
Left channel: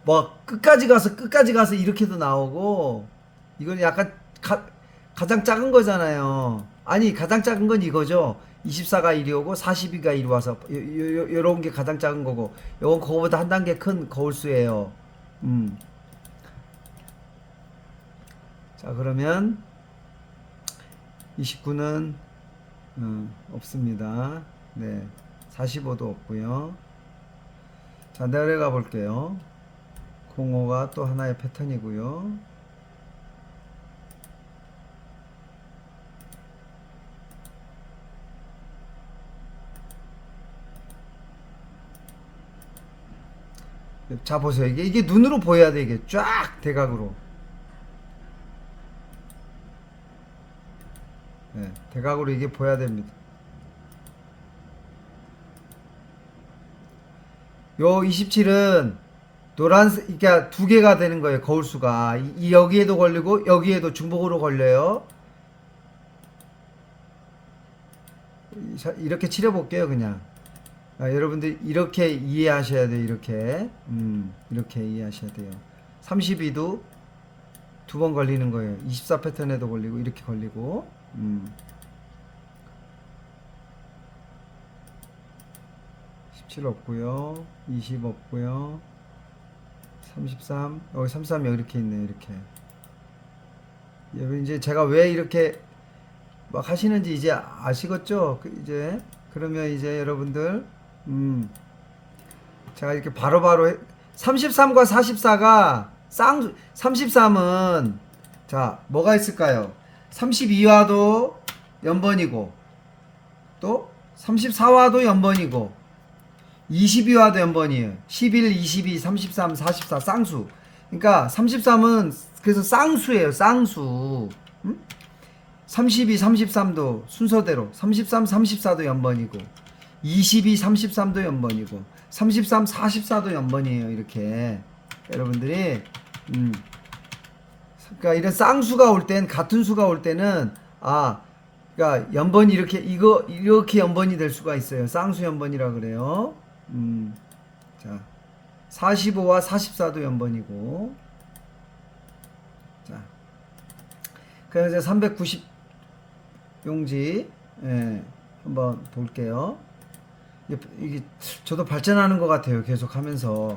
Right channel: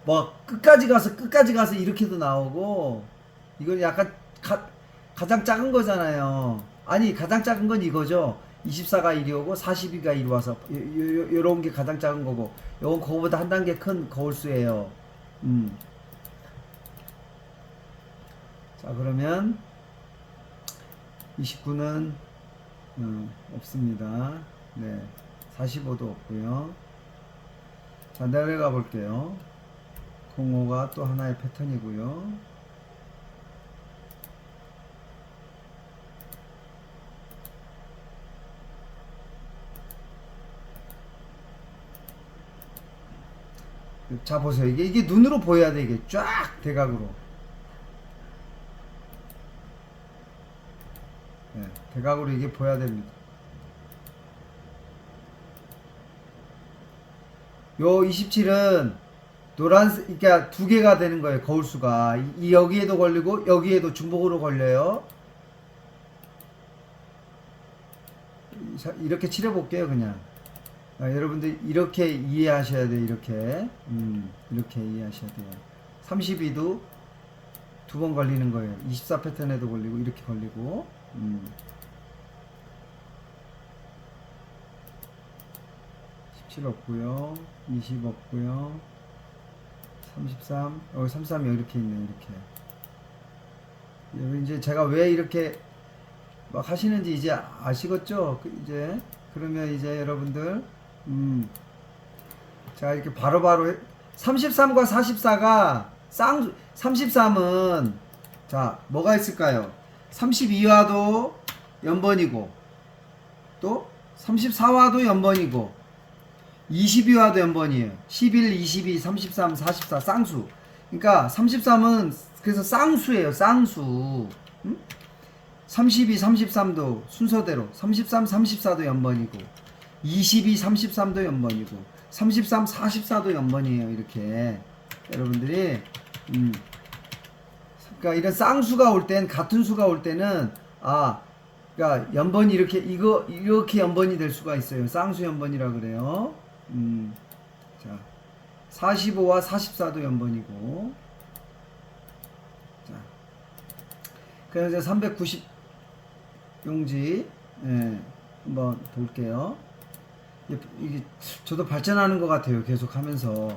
뭐 끝까지 가서 이렇게도 나오고 이건 약간 가장 작은 거잖아요. 아니 가장 작은 건 이거죠. 24가 이리 오고 42가 이리 와서 요런 게 가장 작은 거고 요건 그거보다 한 단계 큰 거울수예요. 자 그러면 29는 없습니다. 네 45도 없고요. 자 내려가 볼게요. 05가 또 하나의 패턴이고요. 자 보세요. 이게 눈으로 보여야 돼. 이게 쫙 대각으로. 네, 대각으로 이게 보여야 됩니다. 요 27은 노란색, 그러니까 두 개가 되는 거예요. 거울수가. 여기에도 걸리고 여기에도 중복으로 걸려요. 이렇게 칠해 볼게요, 그냥. 여러분들 이렇게 이해하셔야 돼요. 이렇게 이해하셔야 돼요. 32도 두 번 걸리는 거예요. 24 패턴에도 걸리고 이렇게 걸리고 17 없고요. 20 없고요. 33 여기 33 여기 이렇게 있네요. 이렇게 여기 이제 제가 왜 이렇게 막 하시는지 이제 아시겠죠? 이제 그러면 이제 여러분들 제가 이렇게 바로바로 33과 44가 33은 자 뭐가 있을까요? 32와도 연번이고 또 34와도 연번이고 22와도 연번이에요. 11, 22, 33, 44 쌍수. 그러니까 33은 그래서 쌍수예요. 쌍수. 32, 33도 순서대로 33, 34도 연번이고 22, 33도 연번이고 33, 44도 연번이에요. 이렇게 여러분들이 그러니까 이런 쌍수가 올 땐 같은 수가 올 때는 그러니까 연번이 이렇게 연번이 될 수가 있어요. 쌍수 연번이라 그래요. 자 45와 44도 연번이고 자 그래서 390 용지 한번 볼게요. 이게 저도 발전하는 것 같아요. 계속 하면서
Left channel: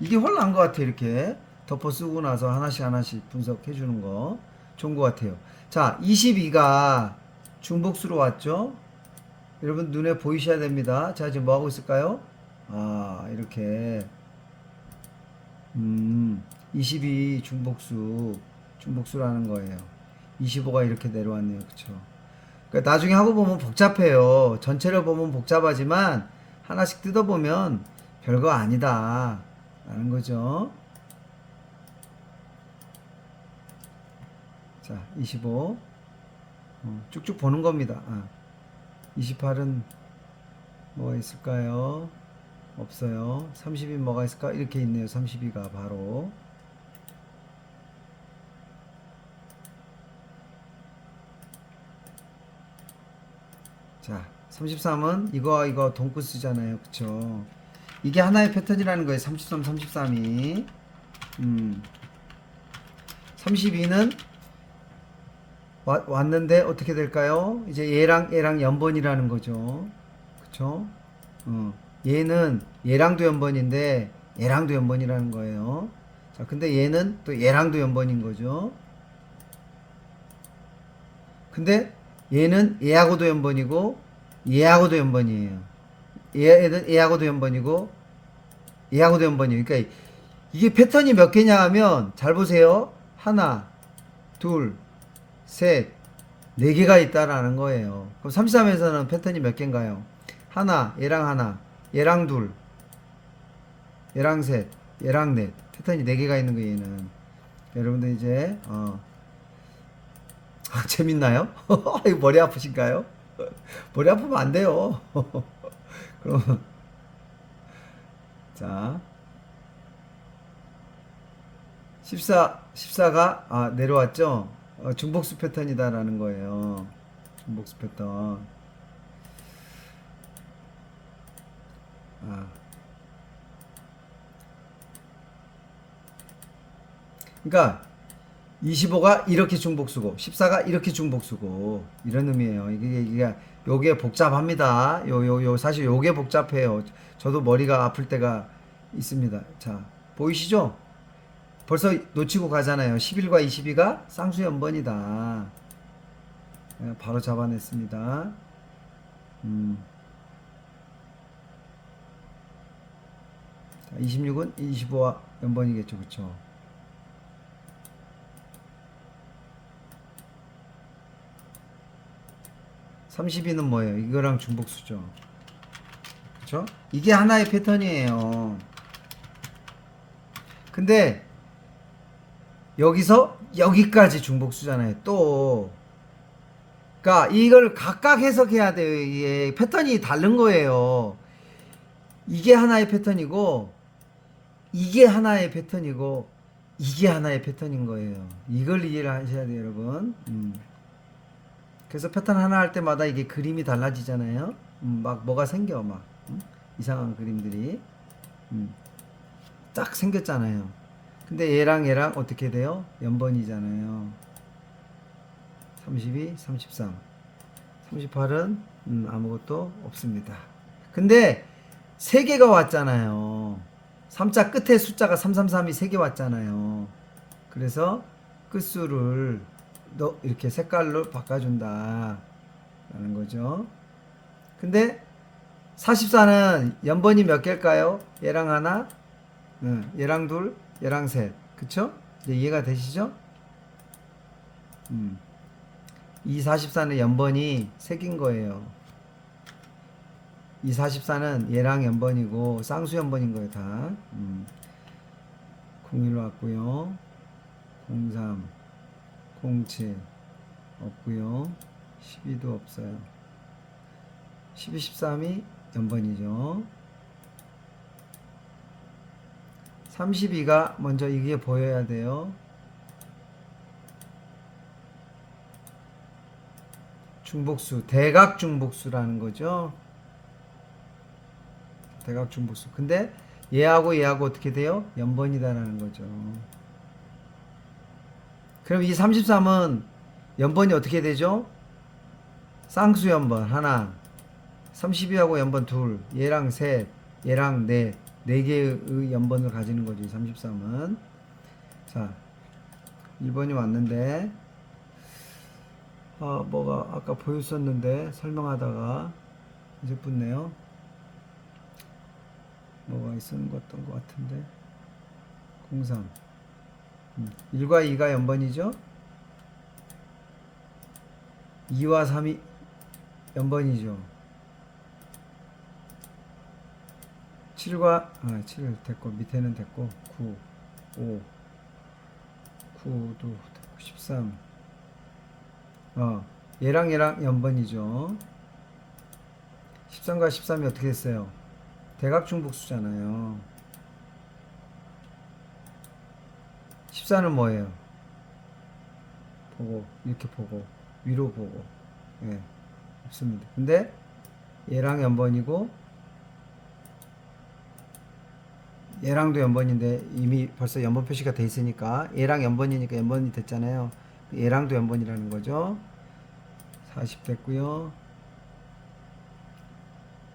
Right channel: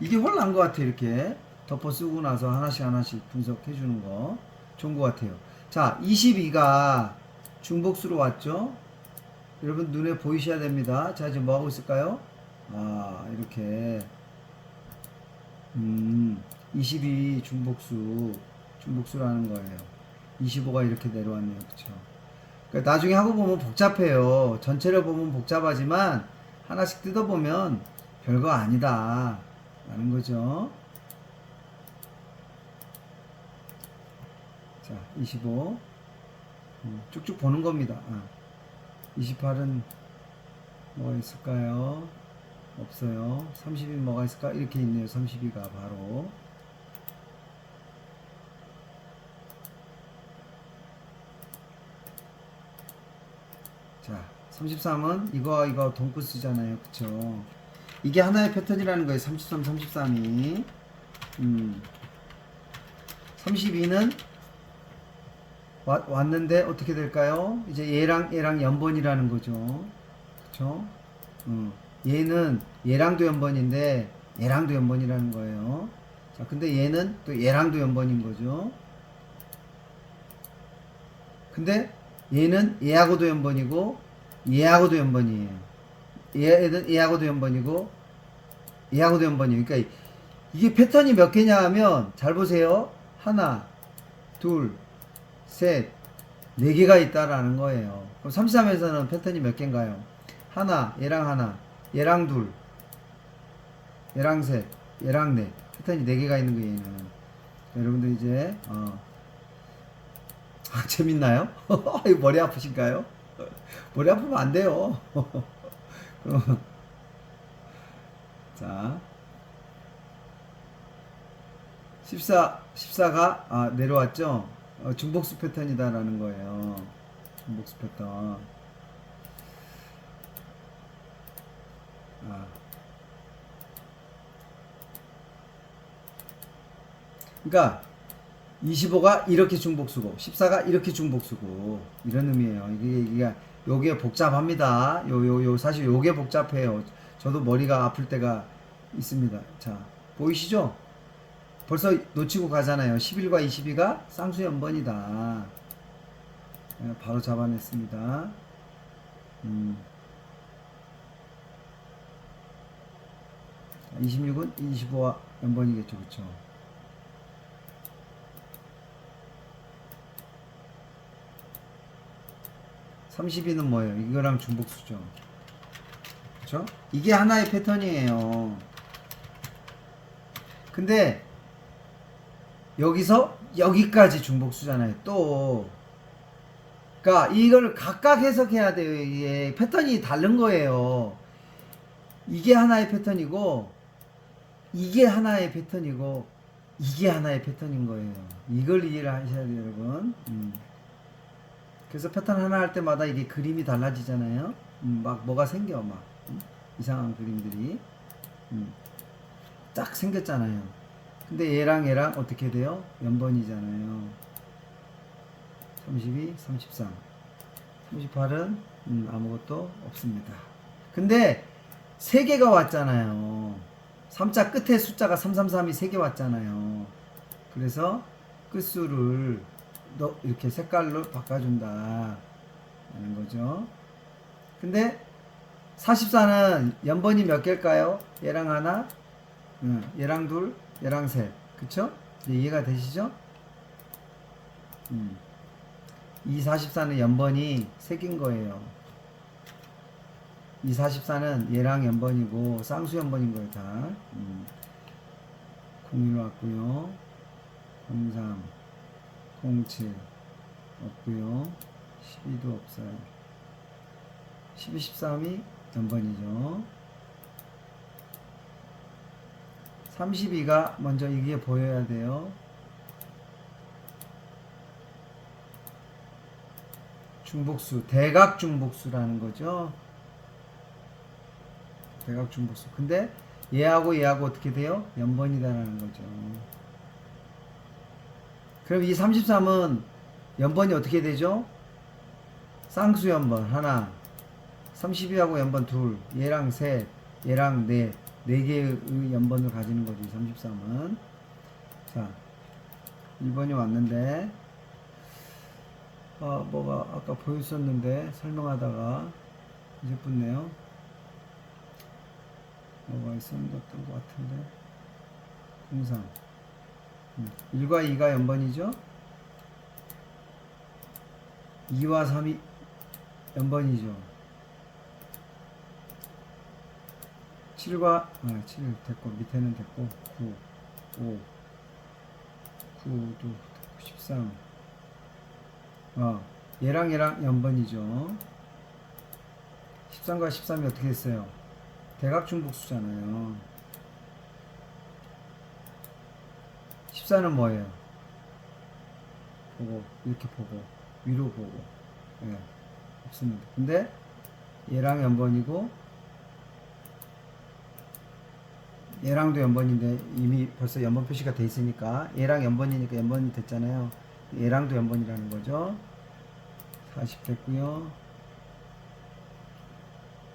이게 훨 나은 것 같아요. 이렇게 덮어 쓰고 나서 하나씩 분석해 주는 거 좋은 것 같아요. 자 22가 중복수로 왔죠. 여러분 눈에 보이셔야 됩니다. 자 지금 뭐 하고 있을까요? 이렇게 22 중복수라는 거예요. 25가 이렇게 내려왔네요. 그쵸? 그러니까 나중에 하고 보면 복잡해요. 전체를 보면 복잡하지만 하나씩 뜯어보면 별거 아니다 라는 거죠. 자 25 쭉쭉 보는 겁니다. 28은 뭐가 있을까요? 없어요. 30이 뭐가 있을까? 이렇게 있네요. 32가 바로 자 33은 이거와 이거 동크스잖아요. 그쵸? 이게 하나의 패턴이라는 거예요. 33, 33이 32는 왔는데 어떻게 될까요? 이제 얘랑 연번이라는 거죠. 그쵸? 얘는 얘랑도 연번인데 얘랑도 연번이라는 거예요. 자, 근데 얘는 또 얘랑도 연번인 거죠. 근데 얘는 얘하고도 연번이고 얘하고도 연번이에요. 얘하고도 연번이고 얘하고도 연번이에요. 그러니까 이게 패턴이 몇 개냐 하면 잘 보세요. 하나, 둘, 셋, 네 개가 있다라는 거예요. 그럼 33에서는 패턴이 몇 개인가요? 하나, 얘랑 둘, 얘랑 셋, 얘랑 넷. 패턴이 네 개가 있는 거예요, 얘는. 여러분들 이제, 재밌나요? 이거 머리 아프신가요? 머리 아프면 안 돼요. 그럼, 자, 14가, 내려왔죠? 중복수 패턴이다라는 거예요. 중복수 패턴. 아, 그러니까, 25가 이렇게 중복수고 14가 이렇게 중복수고 이런 의미예요. 이게 요게 복잡합니다. 요 사실 요게 복잡해요. 저도 머리가 아플 때가 있습니다. 자, 보이시죠? 벌써 놓치고 가잖아요. 11과 22가 쌍수연번이다. 바로 잡아냈습니다. 26은 25와 연번이겠죠. 그쵸? 32는 뭐예요? 이거랑 중복수죠. 그쵸? 이게 하나의 패턴이에요. 근데 여기서 여기까지 중복수잖아요. 또 그러니까 이걸 각각 해석해야 돼요. 이게 패턴이 다른 거예요. 이게 하나의 패턴이고 이게 하나의 패턴이고 이게 하나의 패턴인 거예요. 이걸 이해를 하셔야 돼요, 여러분. 그래서 패턴 하나 할 때마다 이게 그림이 달라지잖아요. 막 뭐가 생겨 막 이상한 그림들이 딱 생겼잖아요. 근데 얘랑 어떻게 돼요? 연번이잖아요. 32, 33, 38은 아무것도 없습니다. 근데 3개가 왔잖아요. 3자 끝에 숫자가 333이 3개 왔잖아요. 그래서 끝수를 이렇게 색깔로 바꿔준다 라는 거죠. 근데 44는 연번이 몇 개일까요? 얘랑 하나, 얘랑 둘, 얘랑 셋. 그쵸? 이제 이해가 되시죠? 이 44는 연번이 3개인 거예요. 이 44는 얘랑 연번이고 쌍수 연번인 거예요, 다. 01 왔고요. 03, 07 없고요. 12도 없어요. 12, 13이 연번이죠. 32가 먼저 이게 보여야 돼요. 중복수, 대각 중복수라는 거죠. 대각 중복수. 근데 얘하고 얘하고 어떻게 돼요? 연번이다라는 거죠. 그럼 이 33은 연번이 어떻게 되죠? 쌍수 연번 하나, 32하고 연번 둘, 얘랑 셋, 얘랑 넷, 4개의 연번을 가지는 거죠. 33은. 자, 2번이 왔는데 뭐가 아까 보였었는데 설명하다가 이제 붙네요. 뭐가 있었던 것 같은데 03 1과 2가 연번이죠. 2와 3이 연번이죠. 7과 7 됐고 밑에는 됐고 9 5 9도 됐고 13 얘랑 연번이죠. 13과 13이 어떻게 됐어요? 대각중복수잖아요. 14는 뭐예요? 보고 이렇게 보고 위로 보고 없습니다. 근데 얘랑 연번이고 얘랑도 연번인데 이미 벌써 연번 표시가 돼 있으니까 얘랑 연번이니까 연번이 됐잖아요. 얘랑도 연번이라는 거죠. 40 됐고요.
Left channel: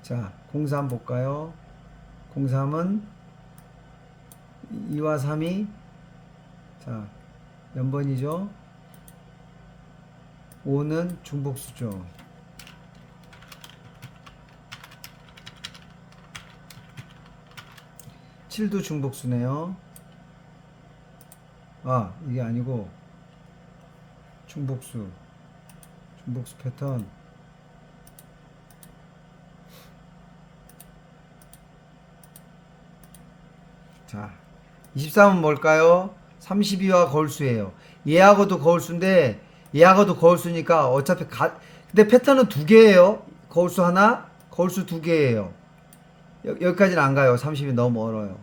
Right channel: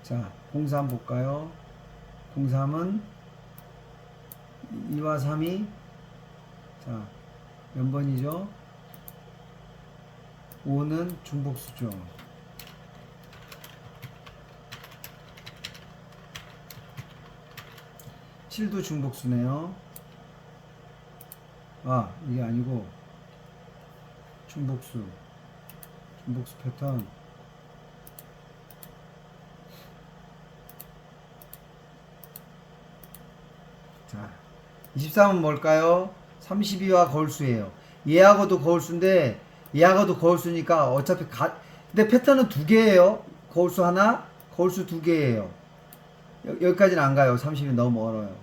자, 03 볼까요? 03은 2와 3이 자 연번이죠. 5는 중복수죠. 7도 중복수네요. 이게 아니고 중복수 패턴. 자, 23은 뭘까요? 32와 거울수예요. 얘하고도 거울수인데 얘하고도 거울수니까 어차피 근데 패턴은 두 개예요. 거울수 하나, 거울수 두 개예요. 여기까지는 안 가요. 30이 너무 멀어요.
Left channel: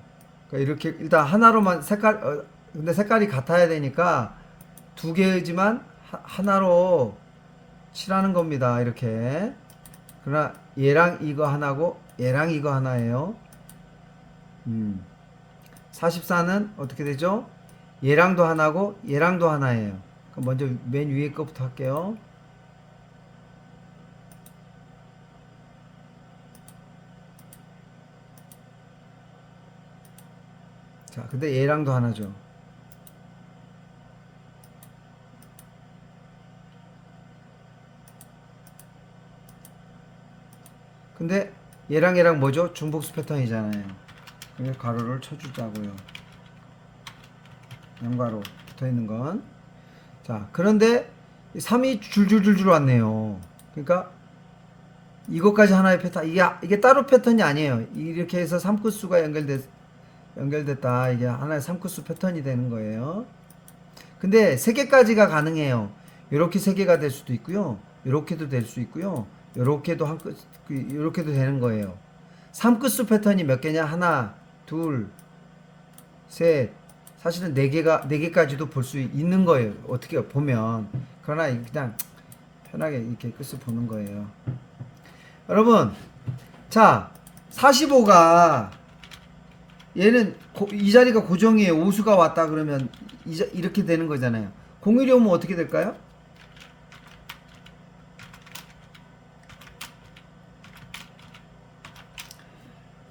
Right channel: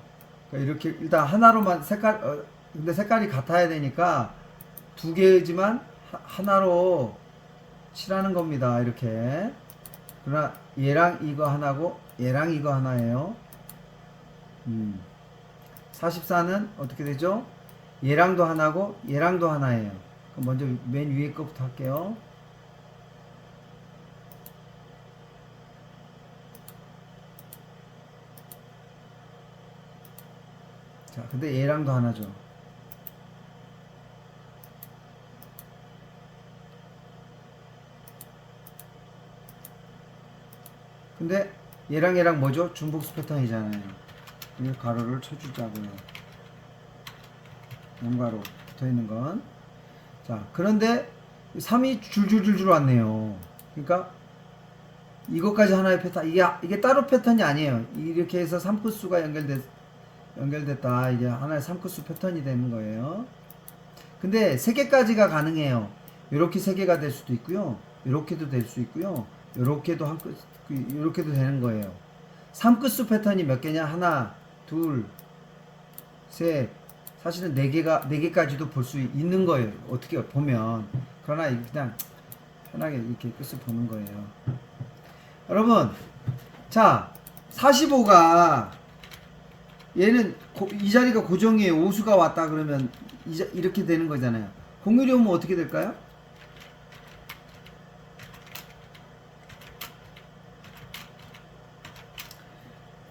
그러니까 이렇게 일단 하나로만 근데 색깔이 같아야 되니까 두 개지만 하나로 칠하는 겁니다. 이렇게. 그러나 얘랑 이거 하나고 얘랑 이거 하나예요. 44는 어떻게 되죠? 얘랑도 하나고 얘랑도 하나예요. 그럼 먼저 맨 위에 거부터 할게요. 자, 근데 얘랑도 하나죠. 근데 얘랑 뭐죠? 중복수 패턴이잖아요. 그래서 가로를 쳐주자고요. 연가로 붙어 있는 건. 자, 그런데 3이 줄줄줄줄 왔네요. 그러니까 이것까지 하나의 패턴. 이게 따로 패턴이 아니에요. 이렇게 해서 3코수가 연결됐다. 이게 하나의 3코수 패턴이 되는 거예요. 근데 3개까지가 가능해요. 이렇게 3개가 될 수도 있고요. 이렇게도 될 수 있고요. 이렇게도 이렇게도 되는 거예요. 3코수 패턴이 몇 개냐? 하나, 둘, 셋. 사실은 4개까지도 볼 수 있는 거예요. 어떻게 보면. 그러나 그냥 편하게 이렇게 끝을 보는 거예요. 여러분, 자, 45가 얘는 이 자리가 고정이에요. 오수가 왔다 그러면 이렇게 되는 거잖아요. 공일이 오면 어떻게 될까요?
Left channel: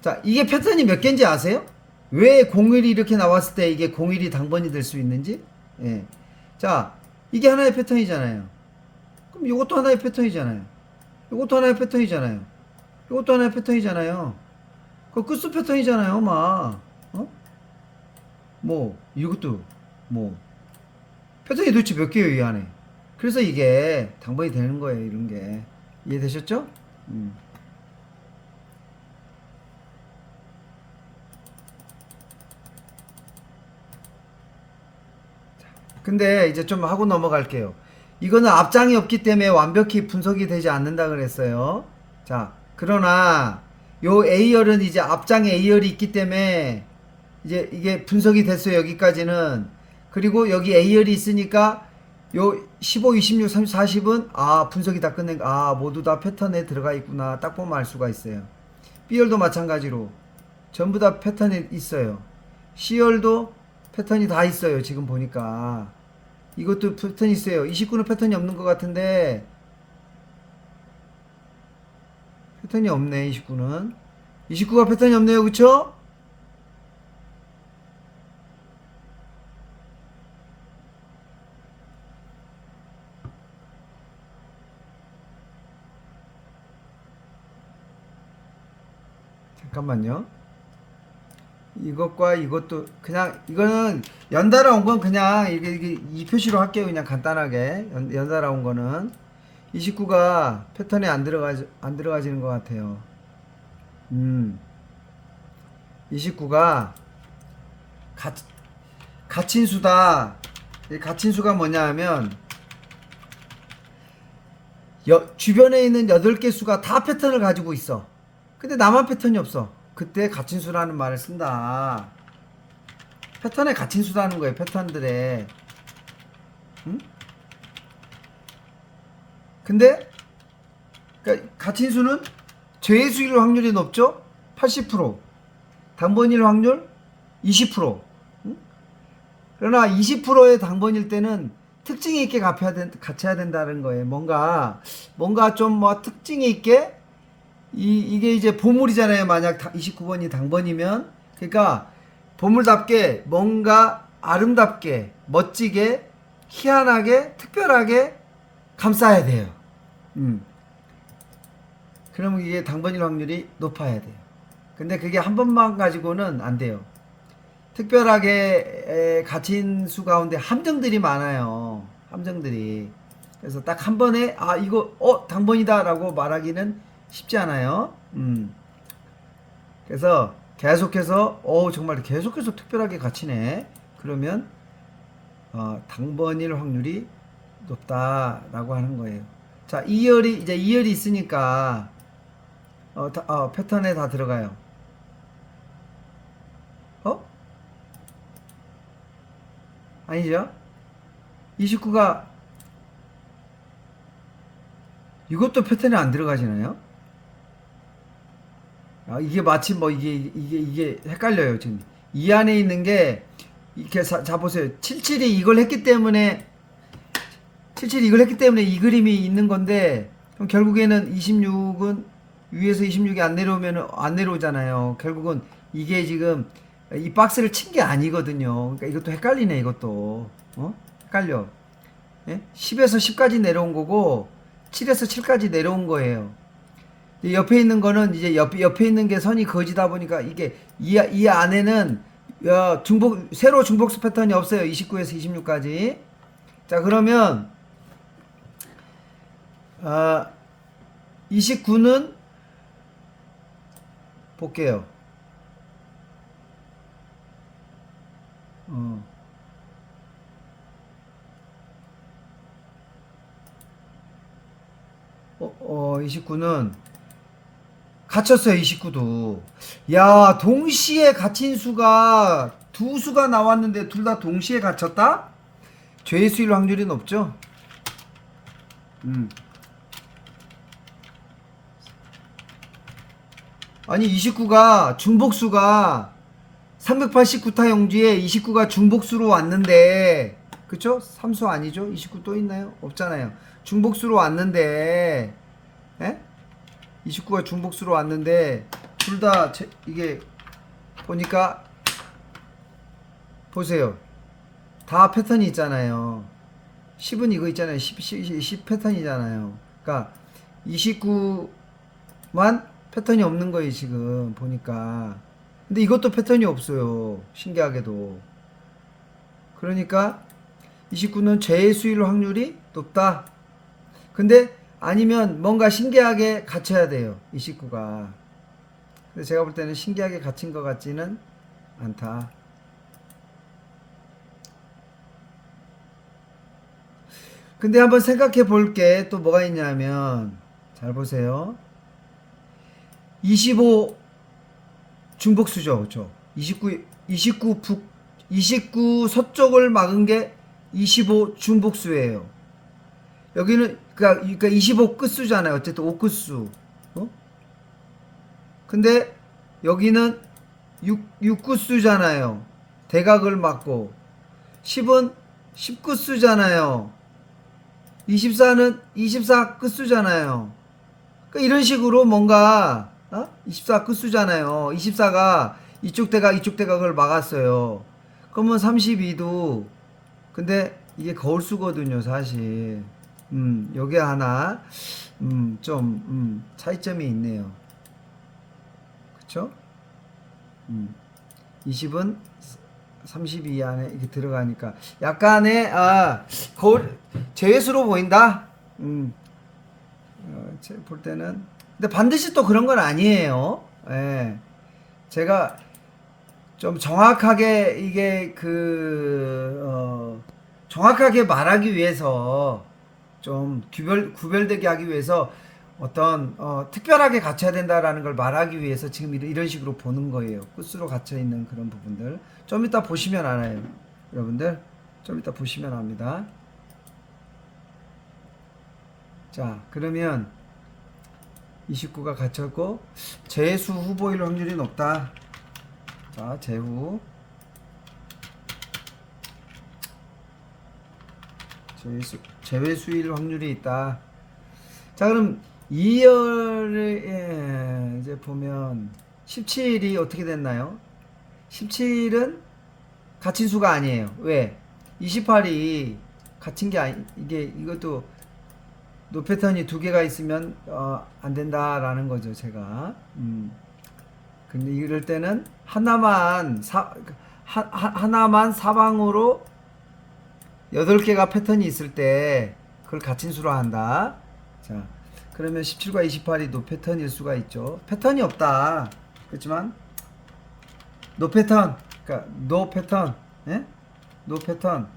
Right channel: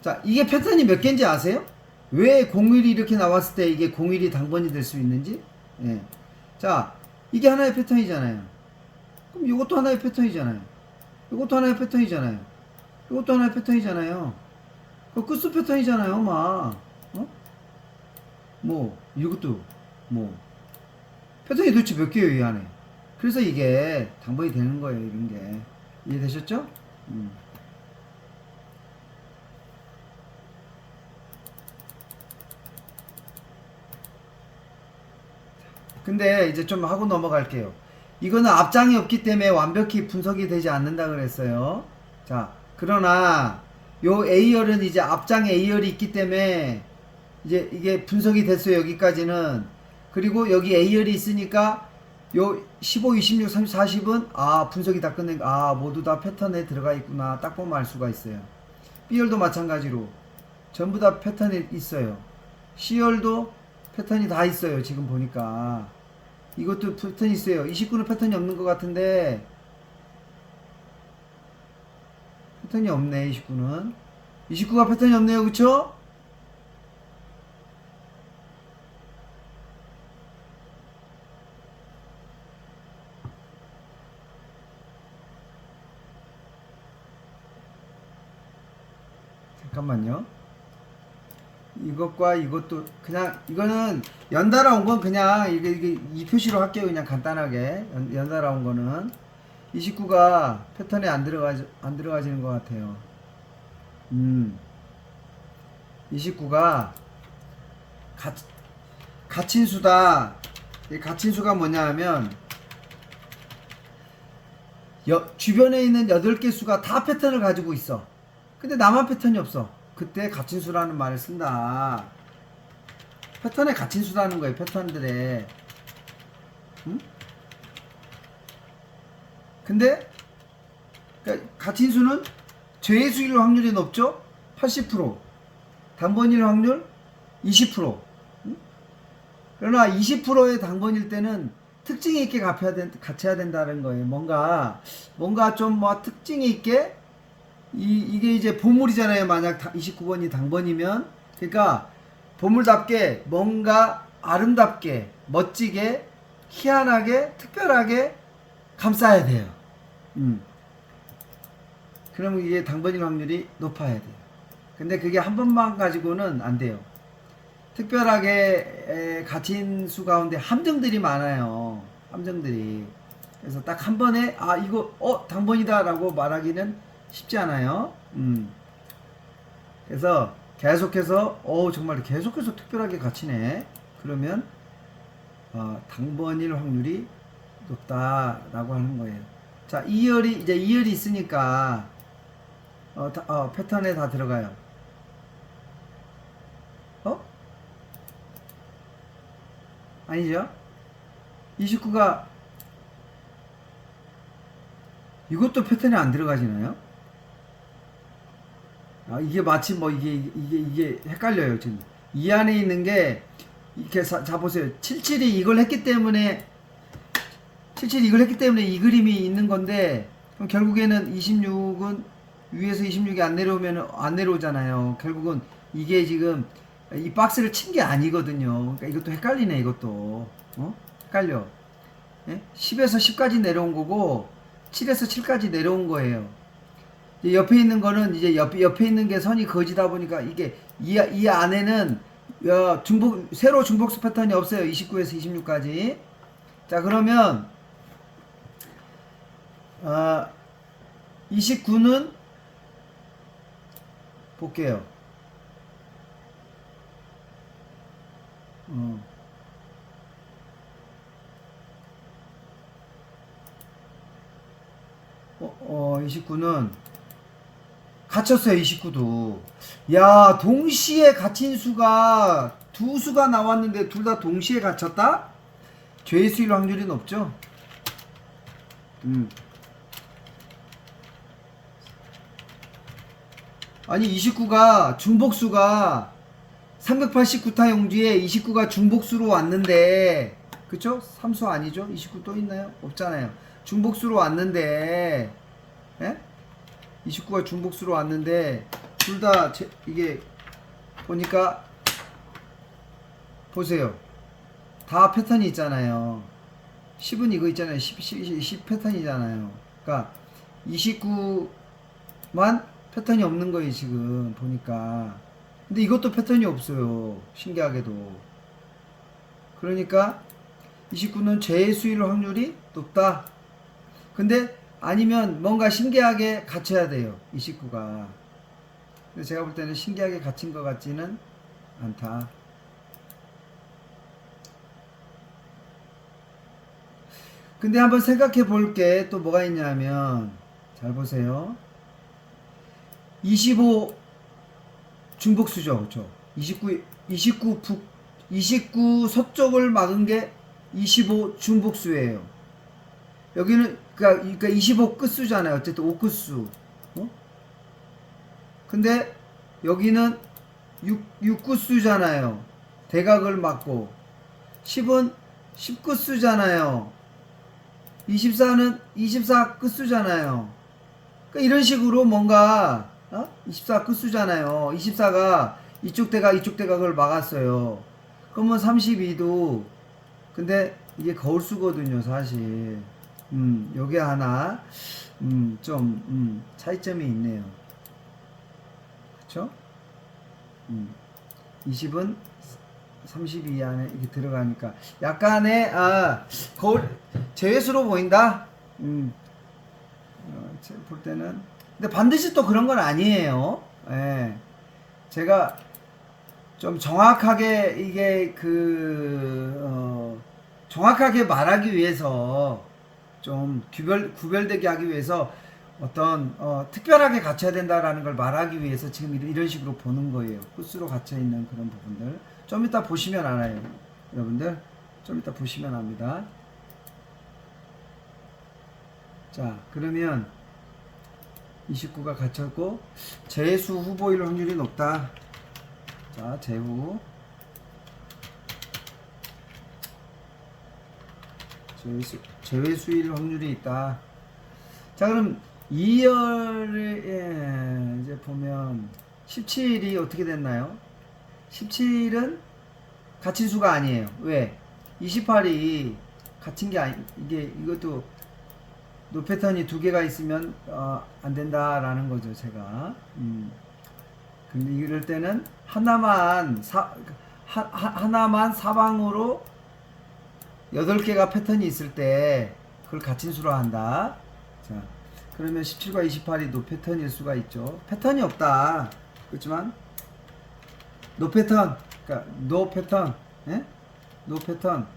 자, 이게 패턴이 몇 개인지 아세요? 왜 공일이 이렇게 나왔을 때 이게 공일이 당번이 될 수 있는지? 예. 자, 이게 하나의 패턴이잖아요. 그럼 이것도 하나의 패턴이잖아요. 이것도 하나의 패턴이잖아요. 이것도 하나의 패턴이잖아요. 그 끝수 패턴이잖아요, 막. 어? 뭐, 이것도, 뭐. 패턴이 도대체 몇 개예요, 이 안에? 그래서 이게 당번이 되는 거예요, 이런 게. 이해되셨죠? 근데 이제 좀 하고 넘어갈게요. 이거는 앞장이 없기 때문에 완벽히 분석이 되지 않는다 그랬어요. 자, 그러나 요 A열은 이제 앞장에 A열이 있기 때문에 이제 이게 분석이 됐어요. 여기까지는. 그리고 여기 A열이 있으니까 요 15, 26, 30, 40은 분석이 다 끝낸 모두 다 패턴에 들어가 있구나. 딱 보면 알 수가 있어요. B열도 마찬가지로 전부 다 패턴이 있어요. C열도 패턴이 다 있어요. 지금 보니까 이것도 패턴이 있어요. 29는 패턴이 없는 것 같은데 패턴이 없네. 29가 패턴이 없네요. 그쵸? 잠깐만요. 이것과 이것도 그냥 이거는 연달아 온 건 그냥 이게 이 표시로 할게요. 그냥 간단하게 연달아 온 거는 29가 패턴에 안 들어가지는 것 같아요. 29가 가친수다. 이 가친수가 뭐냐 하면 주변에 있는 8개 수가 다 패턴을 가지고 있어. 근데 나만 패턴이 없어. 그때 가친수라는 말을 쓴다. 패턴에 가친수라는 거예요. 패턴들에. 응? 근데 그러니까 가친수는 죄수일 확률이 높죠? 80%. 당번일 확률 20%. 응? 그러나 20%의 당번일 때는 특징이 있게 갇혀야 된다는 거예요. 뭔가 좀 뭐 특징이 있게 이게 이제 보물이잖아요. 만약 29번이 당번이면. 그러니까 보물답게 뭔가 아름답게 멋지게 희한하게 특별하게 감싸야 돼요. 그럼 이게 당번일 확률이 높아야 돼요. 근데 그게 한 번만 가지고는 안 돼요. 특별하게 갇힌 수 가운데 함정들이 많아요. 함정들이. 그래서 딱 한 번에 아 이거 당번이다라고 말하기는 쉽지 않아요. 그래서 계속해서 정말 계속해서 특별하게 갇히네. 그러면 당번일 확률이 높다라고 하는 거예요. 자, 2열이 이제 2열이 있으니까 패턴에 다 들어가요. 아니죠? 29가 이것도 패턴에 안 들어가지나요? 이게 마치 뭐 이게 헷갈려요, 지금. 이 안에 있는 게 이렇게 자 보세요. 77이 이걸 했기 때문에 이 그림이 있는 건데 그럼 결국에는 26은 위에서 26이 안 내려오면 안 내려오잖아요. 결국은 이게 지금 이 박스를 친 게 아니거든요. 그러니까 이것도 헷갈리네, 이것도. 헷갈려. 예? 10에서 10까지 내려온 거고 7에서 7까지 내려온 거예요. 옆에 있는 거는 이제 옆에 있는 게 선이 거지다 보니까 이게 이 안에는 새로 중복수 패턴이 없어요. 29에서 26까지. 자, 그러면 29는 볼게요. 29는 갇혔어요. 29도. 야, 동시에 갇힌 수가 두 수가 나왔는데 둘 다 동시에 갇혔다? 죄의 수일 확률이 높죠? 아니 29가 중복수가 389타 용지에 29가 중복수로 왔는데 그쵸? 3수 아니죠? 29 또 있나요? 없잖아요. 중복수로 왔는데 29가 중복수로 왔는데 둘 다 이게 보니까 보세요. 다 패턴이 있잖아요. 10은 이거 있잖아요. 10 패턴이잖아요. 그러니까 29만 패턴이 없는 거예요, 지금 보니까. 근데 이것도 패턴이 없어요. 신기하게도. 그러니까 29는 죄의 수일 확률이 높다. 근데 아니면 뭔가 신기하게 갇혀야 돼요. 29가. 근데 제가 볼 때는 신기하게 갇힌 것 같지는 않다. 근데 한번 생각해 볼 게 또 뭐가 있냐면 잘 보세요. 25 중복수죠. 그렇죠? 29 서쪽을 막은 게 25 중복수예요. 여기는 그러니까 25 끝수잖아요. 어쨌든 5 끝수. 근데 여기는 6 끝수잖아요. 대각을 막고 10은 10 끝수잖아요. 24는 24 끝수잖아요. 그러니까 이런 식으로 뭔가 24 끝수잖아요. 24가 이쪽 대각을 막았어요. 그러면 32도 근데 이게 거울수거든요, 사실. 요게 하나 좀 차이점이 있네요. 그쵸? 20은 32 안에 이렇게 들어가니까 약간의 거울 제외수로 보인다. 볼 때는 근데 반드시 또 그런 건 아니에요. 예. 제가 좀 정확하게 이게 정확하게 말하기 위해서 좀 구별되게 하기 위해서 어떤 특별하게 갖춰야 된다라는 걸 말하기 위해서 지금 이런 식으로 보는 거예요. 끝으로 갇혀 있는 그런 부분들 좀 이따 보시면 알아요. 여러분들 좀 이따 보시면 압니다. 자, 그러면 29가 갇혔고 재수 후보일 확률이 높다. 자, 제외수일 확률이 있다. 자, 그럼 2열에 이제 보면 17이 어떻게 됐나요? 17은 갇힌 수가 아니에요. 왜? 28이 갇힌 게 이것도 노 패턴이 두 개가 있으면 안 된다라는 거죠, 제가. 근데 이럴 때는 하나만 사방으로 8개가 패턴이 있을 때 그걸 갇힌 수로 한다. 자, 그러면 17과 28이 노 패턴일 수가 있죠. 패턴이 없다. 그렇지만 노 패턴, 그러니까 노 패턴, 예? 노 패턴.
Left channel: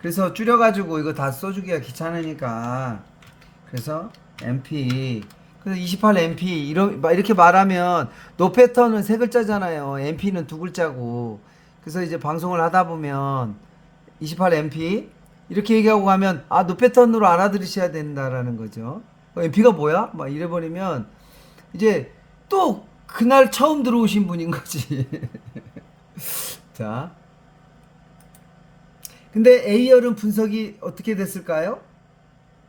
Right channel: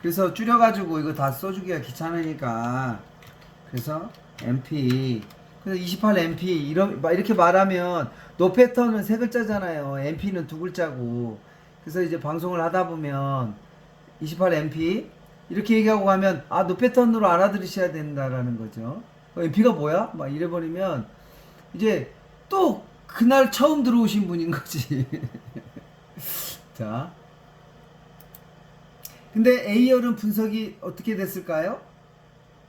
그래서 줄여가지고 이거 다 써주기가 귀찮으니까 그래서 MP, 그래서 28 MP 이렇게 말하면 노 패턴은 세 글자잖아요. MP는 두 글자고. 그래서 이제 방송을 하다 보면 28 MP 이렇게 얘기하고 가면 아, 노 패턴으로 알아들으셔야 된다라는 거죠. MP가 뭐야? 막 이래버리면 이제 또 그날 처음 들어오신 분인 거지. 자, 근데 A열은 분석이 어떻게 됐을까요?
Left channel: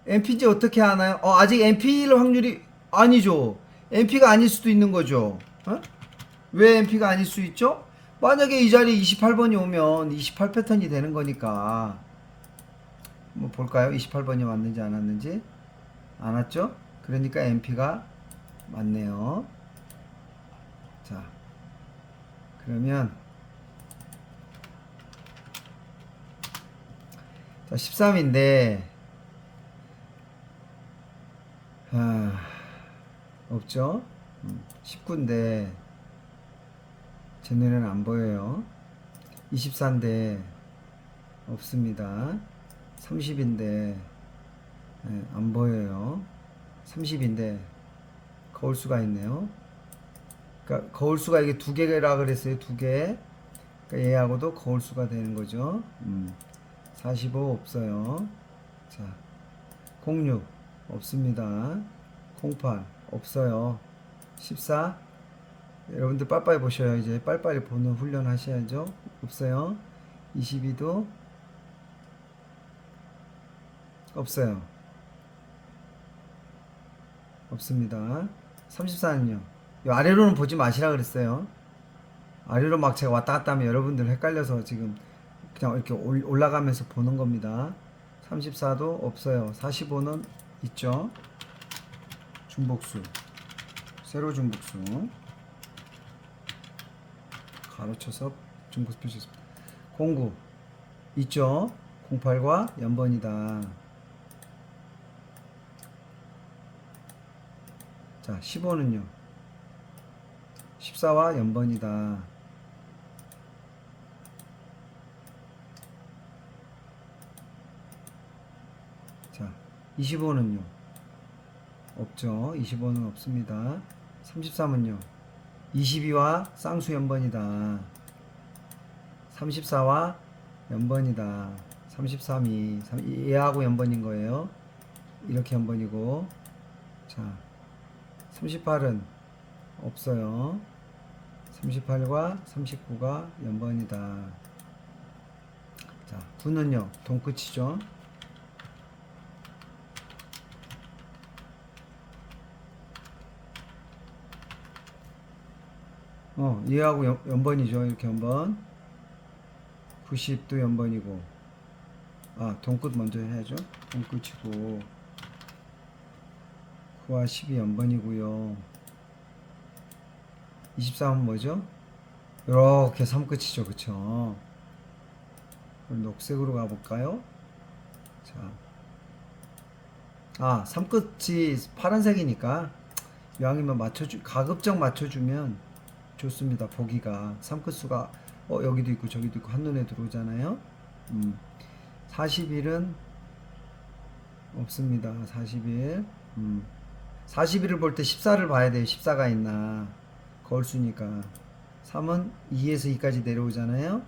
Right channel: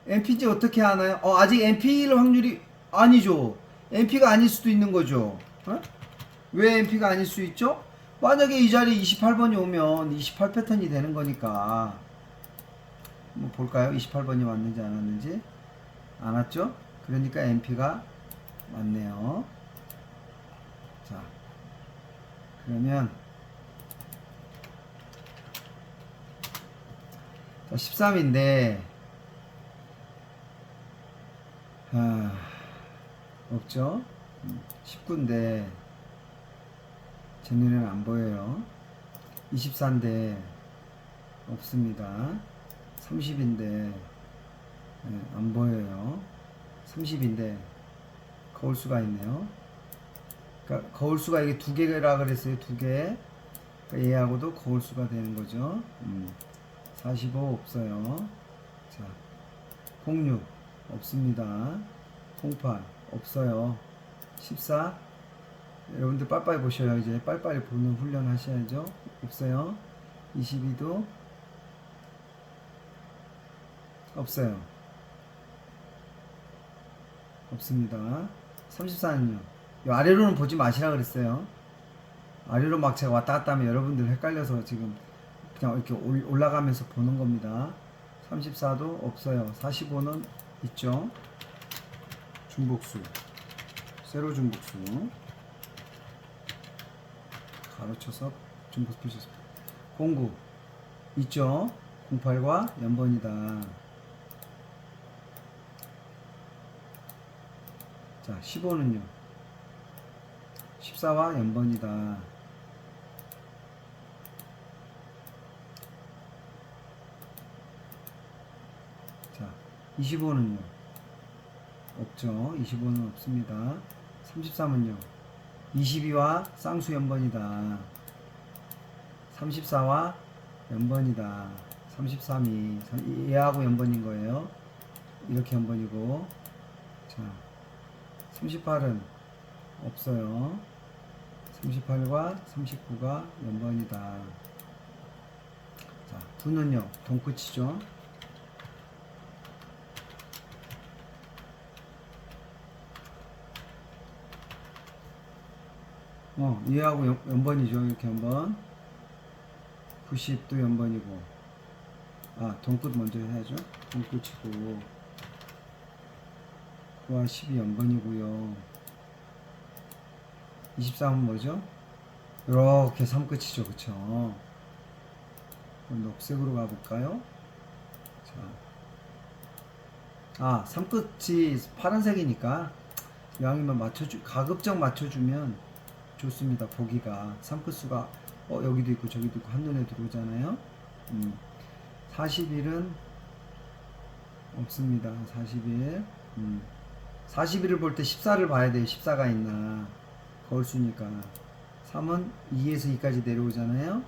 MP인지 어떻게 아나요? 아직 MP일 확률이 아니죠. MP가 아닐 수도 있는 거죠. 어? 왜 MP가 아닐 수 있죠? 만약에 이 자리에 28번이 오면 28 패턴이 되는 거니까. 뭐 볼까요? 28번이 왔는지 안 왔는지. 안 왔죠? 그러니까 MP가 맞네요. 자, 그러면 자, 13인데 없죠? 19인데 제 눈에는 안 보여요. 24인데 없습니다. 30인데 안 보여요. 30인데 거울수가 있네요. 그러니까 거울수가 이게 두 개라 그랬어요. 두 개. 그러니까 얘하고도 거울수가 되는 거죠. 45 없어요. 자, 06 없습니다. 08 없어요. 14 여러분들 빨리빨리 보셔요. 이제 빨리빨리 보는 훈련 하셔야죠. 없어요. 22도 없어요. 없습니다. 34는요. 이 아래로는 보지 마시라 그랬어요. 아래로 막 제가 왔다 갔다 하면 여러분들 헷갈려서 지금 그냥 이렇게 올라가면서 보는 겁니다. 34도 없어요. 45는 있죠. 중복수. 세로 중복수. 가로쳐서 중복수 표시했습니다. 09 있죠. 08과 연번이다. 자, 15는요. 14와 연번이다. 자, 25는요. 없죠. 25는 없습니다. 33은요. 22와 쌍수 연번이다. 34와 연번이다. 33이 얘하고 연번인 거예요. 이렇게 연번이고. 자, 38은 없어요. 38과 39가 연번이다. 자, 9는요. 동끝이죠. 얘하고 연번이죠. 이렇게 연번. 90도 연번이고. 동끝 먼저 해야죠. 동끝이고. 9와 10이 연번이고요. 23은 뭐죠? 이렇게 3끝이죠. 그쵸? 그럼 녹색으로 가볼까요? 자. 3끝이 파란색이니까 이왕이면 가급적 맞춰주면 좋습니다. 보기가 3끝수가 여기도 있고 저기도 있고 한눈에 들어오잖아요. 41은 없습니다. 41 41을 볼 때 14를 봐야 돼요. 14가 있나. 거울수니까 3은 2에서 2까지 내려오잖아요.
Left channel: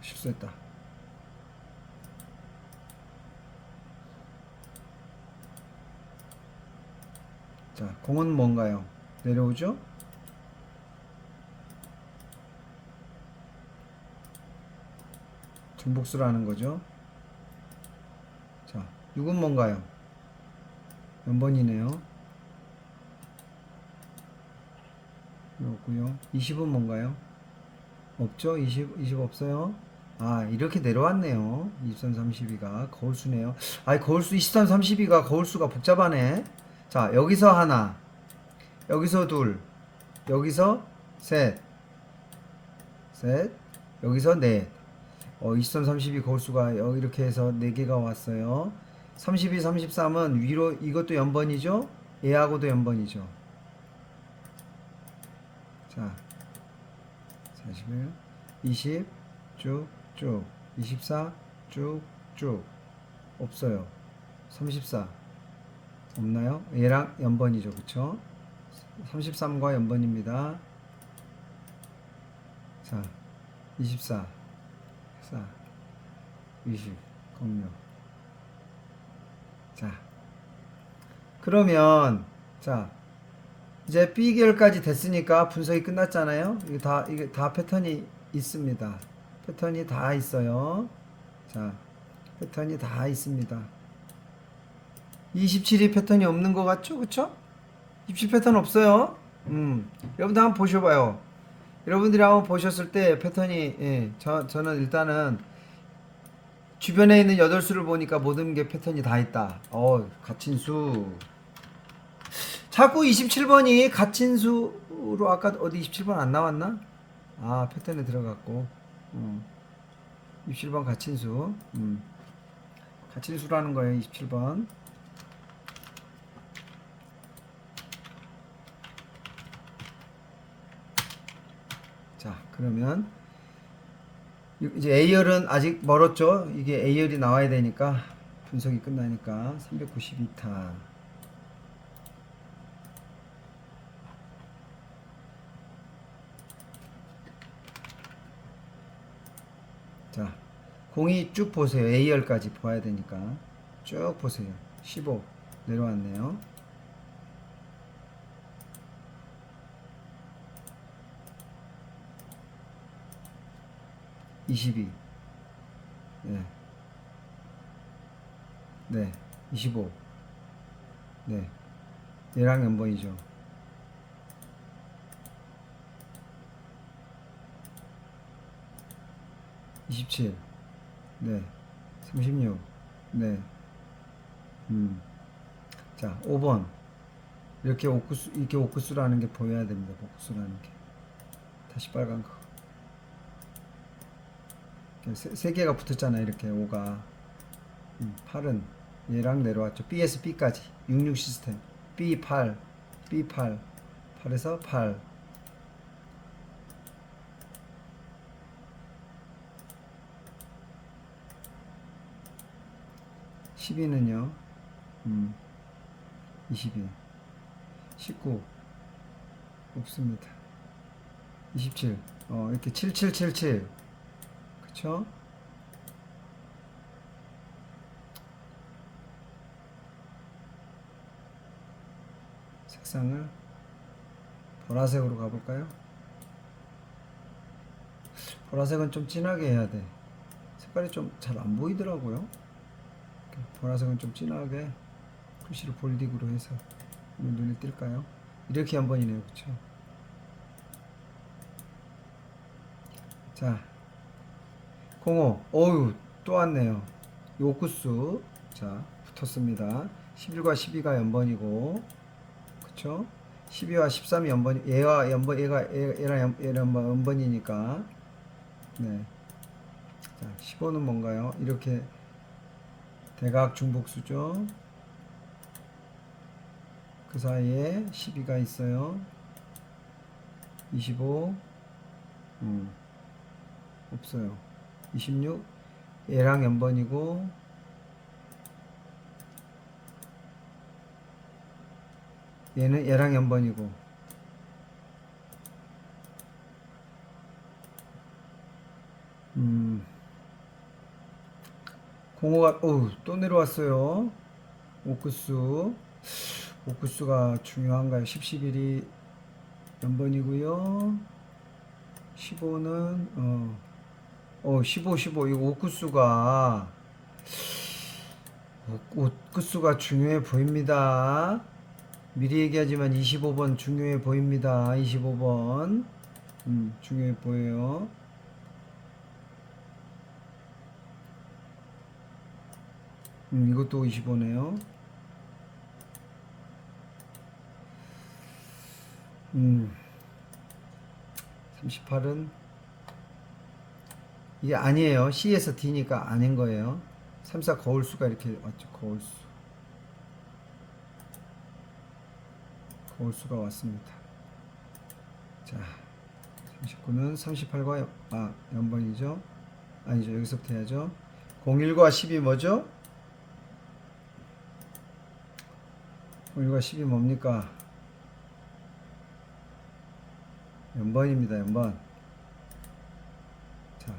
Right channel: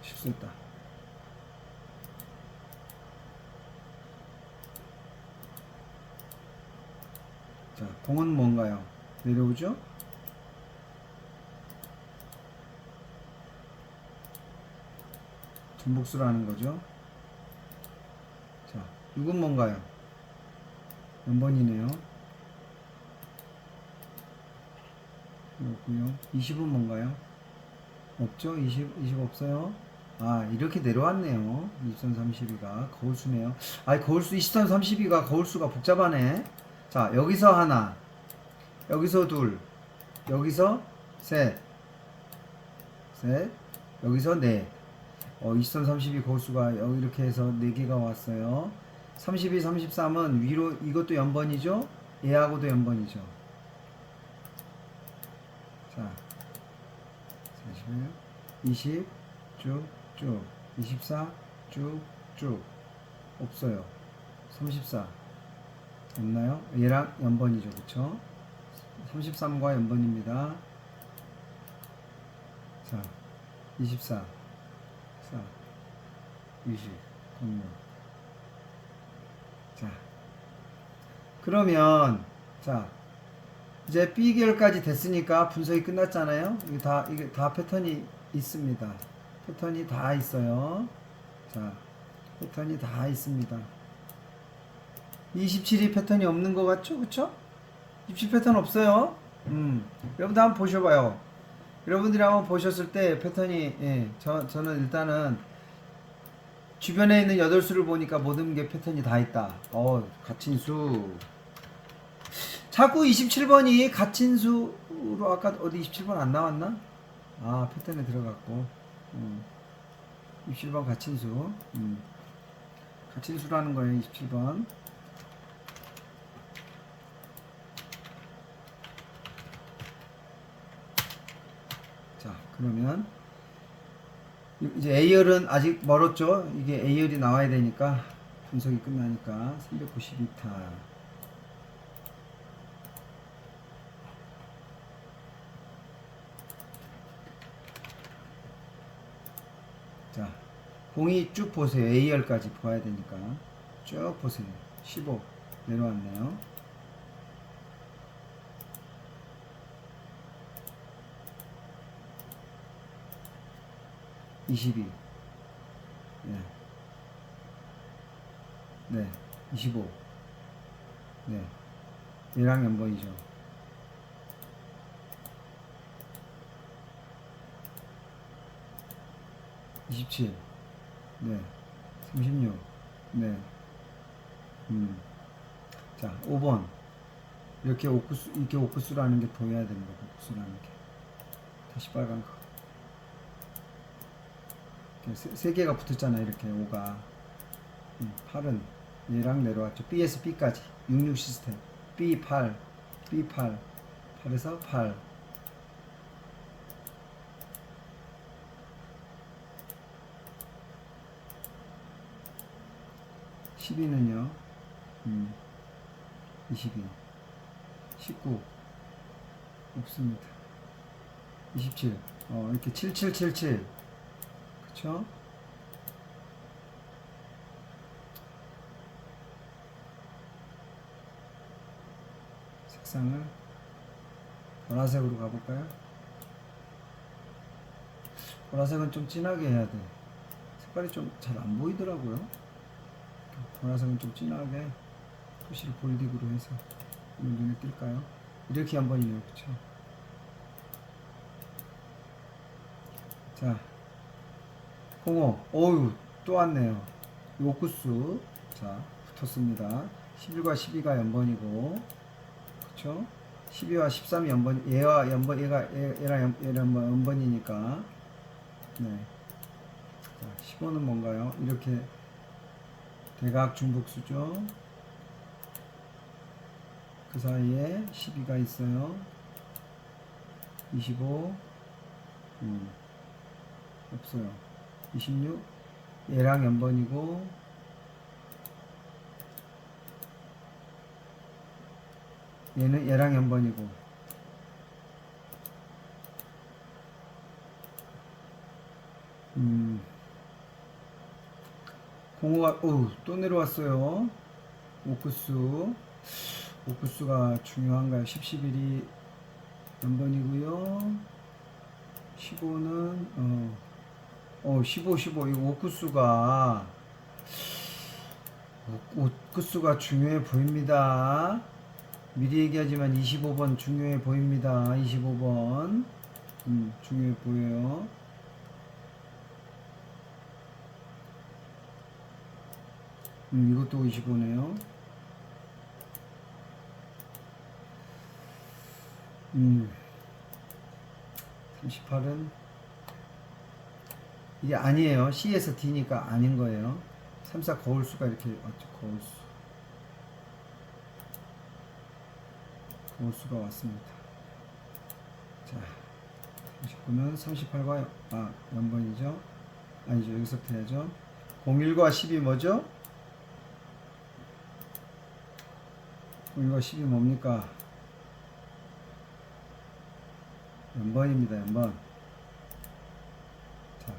실수했다. 자, 공은 뭔가요? 내려오죠? 중복수라는 거죠. 자, 6은 뭔가요? 연번이네요. 없고요. 20은 뭔가요? 없죠? 20 없어요. 아, 이렇게 내려왔네요. 23, 32가 거울수네요. 아이, 거울수 23, 32가 거울수가 복잡하네. 자, 여기서 하나, 여기서 둘, 여기서 셋, 셋, 여기서 넷. 23, 32 거울수가 여기 이렇게 해서 4개가 왔어요. 32, 33은 위로 이것도 연번이죠? 얘하고도 연번이죠. 자, 41, 20, 쭉, 쭉. 24, 쭉, 쭉. 없어요. 34. 없나요? 얘랑 연번이죠. 그쵸? 33과 연번입니다. 자, 24, 4, 20, 06. 자, 그러면, 자, 이제 B계열까지 됐으니까 분석이 끝났잖아요. 이게 다 패턴이 있습니다. 패턴이 다 있어요. 자, 패턴이 다 있습니다. 27이 패턴이 없는 것 같죠? 그쵸? 27 패턴 없어요. 여러분들 한번 보셔봐요. 여러분들이 한번 보셨을 때 패턴이, 예, 저는 일단은 주변에 있는 8수를 보니까 모든 게 패턴이 다 있다. 가친수. 자꾸 27번이 가친수로 아까 어디 27번 안 나왔나? 아, 패턴에 들어갔고. 27번 가친수. 가친수라는 거예요, 27번. 자, 그러면 이제 A열은 아직 멀었죠? 이게 A열이 나와야 되니까 분석이 끝나니까 392타. 자, 공이 쭉 보세요. A열까지 봐야 되니까 쭉 보세요. 15 내려왔네요. 22. 네. 네. 25. 네. 얘랑 연번이죠. 27. 네. 36. 네. 자, 5번. 이렇게 옥구수라는 게 보여야 됩니다. 옥구수라는 게. 다시 빨간 거. 세 개가 붙었잖아요. 이렇게 5가. 8은 얘랑 내려왔죠. B에서 B까지. 66 시스템. B8. B8. 8에서 8. 12는요. 22. 19. 없습니다. 27. 이렇게 7777. 그쵸? 색상을 보라색으로 가볼까요? 보라색은 좀 진하게 해야 돼. 색깔이 좀 잘 안 보이더라고요. 보라색은 좀 진하게 표시를 볼딩으로 해서 눈에 띌까요? 이렇게 한 번이네요. 그쵸? 자, 05. 어우, 또 왔네요. 요구수. 자, 붙었습니다. 11과 12가 연번이고, 그쵸? 12와 13이 연번, 얘와 연번, 얘랑 연번이니까. 네. 자, 15는 뭔가요? 이렇게 대각 중복수죠. 그 사이에 12가 있어요. 25. 없어요. 26. 얘랑 연번이고, 얘는 얘랑 연번이고, 공호가, 또 내려왔어요. 오크수. 오크수가 중요한가요? 10, 11이 연번이고요. 15는, 15, 15. 이 오크수가 중요해 보입니다. 미리 얘기하지만 25번 중요해 보입니다. 25번. 중요해 보여요. 이것도 25네요. 38은 이게 아니에요. C에서 D니까 아닌 거예요. 3, 4 거울수가 이렇게 왔죠. 거울수가 왔습니다. 자, 39는 38과 연번이죠. 아니죠. 여기서부터 해야죠. 01과 10이 뭐죠? 01과 10이 뭡니까? 연번입니다. 연번. 자,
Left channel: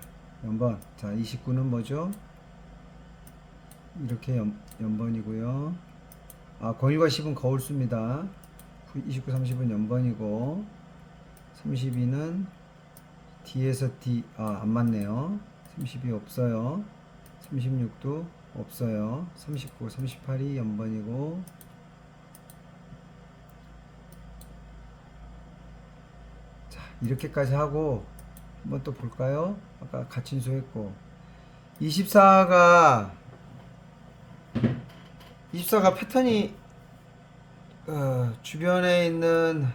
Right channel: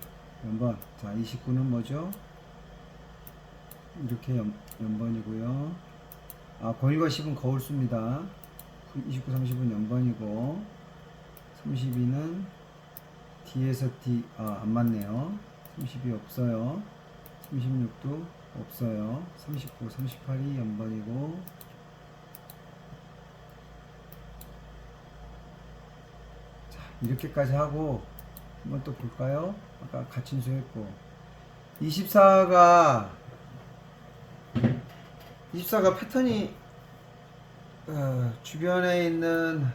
연번. 자, 29는 뭐죠? 이렇게 연번이고요. 01과 10은 거울수입니다. 29, 30은 연번이고 32는 D에서 D, 안 맞네요. 32 없어요. 36도 없어요. 39, 38이 연번이고 자, 이렇게까지 하고 한번 또 볼까요? 아까 가침수 했고 24가 패턴이 주변에 있는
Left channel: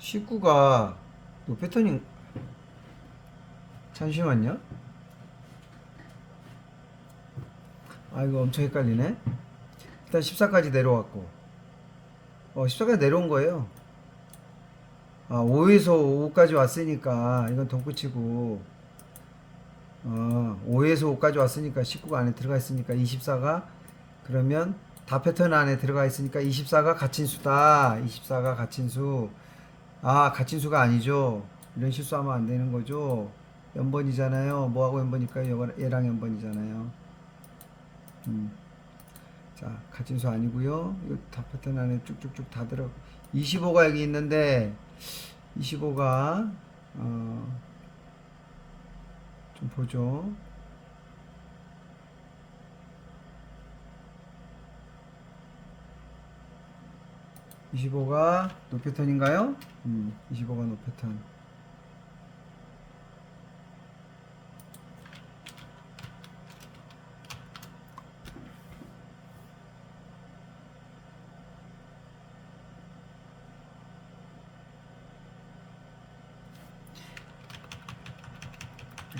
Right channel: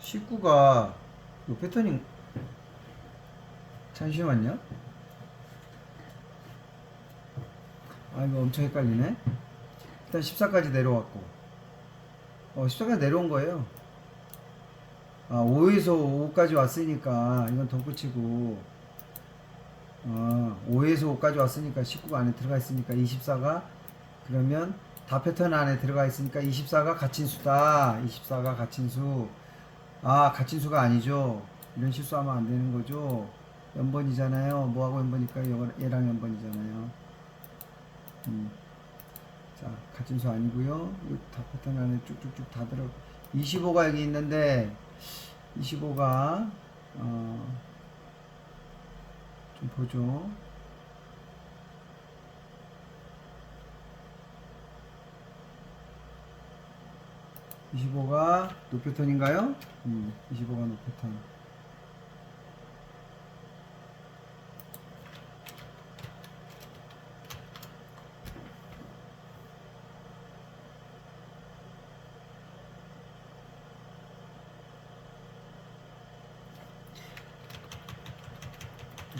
(19가) 이 패턴이 잠시만요. 이거 엄청 헷갈리네. 일단 14까지 내려왔고 14까지 내려온 거예요. 5에서 5까지 왔으니까 이건 덧붙이고 5에서 5까지 왔으니까 19가 안에 들어가 있으니까 24가 그러면 다 패턴 안에 들어가 있으니까 24가 가친수다. 24가 가친수. 가친수가 아니죠. 이런 실수하면 안 되는 거죠. 연번이잖아요. 뭐하고 연번일까요? 얘랑 연번이잖아요. 자, 가친수 아니고요. 이거 다 패턴 안에 쭉쭉쭉 다 들어. 25가 여기 있는데 25가 좀 보죠. 25가 노패턴인가요? 25가 노패턴.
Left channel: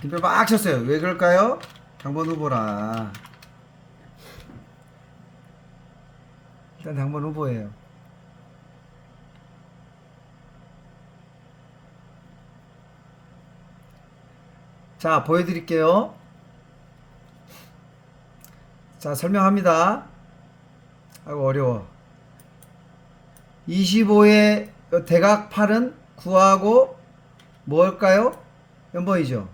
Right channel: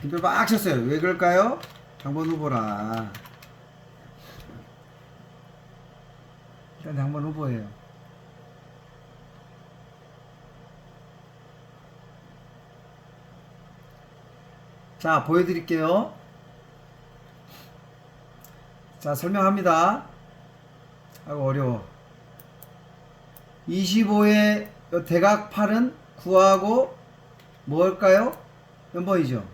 김표 막 쳤어요. 왜 그럴까요? 당번 후보라. 일단 당번 후보예요. 자, 보여드릴게요. 자, 설명합니다. 아이고, 어려워. 25의 대각 8은 9하고 뭘까요? 연번이죠.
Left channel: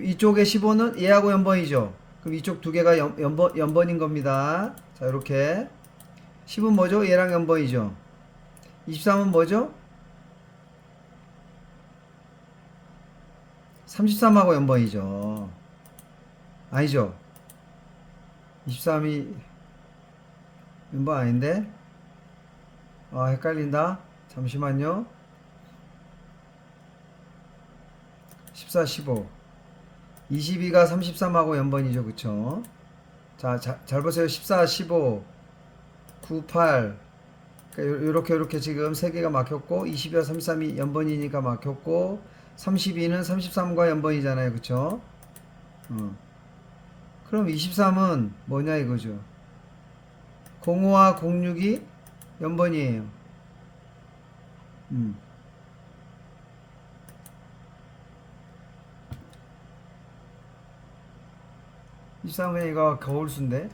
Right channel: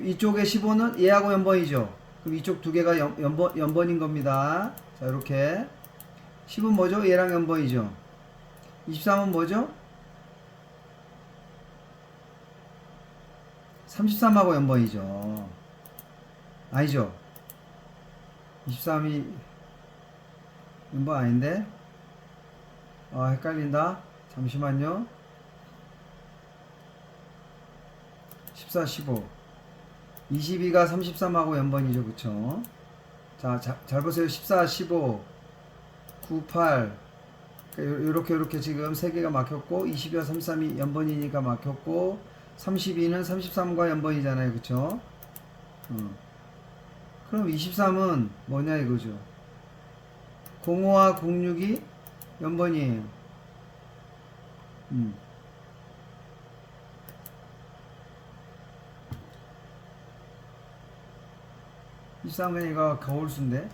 이쪽에 15는 얘하고 연번이죠. 그럼 이쪽 두 개가 연번인 겁니다. 자, 이렇게 10은 뭐죠? 얘랑 연번이죠. 23은 뭐죠? 33하고 연번이죠. 아니죠. 23이 연번 아닌데? 헷갈린다. 잠시만요. 14, 15. 22가 33하고 연번이죠. 그쵸? 자, 잘 보세요. 14, 15, 9, 8. 그러니까 요렇게 지금 3개가 막혔고, 22와 33이 연번이니까 막혔고, 32는 33과 연번이잖아요. 그쵸? 그럼 23은 뭐냐 이거죠. 05와 06이 연번이에요. 23은 이거 거울수인데.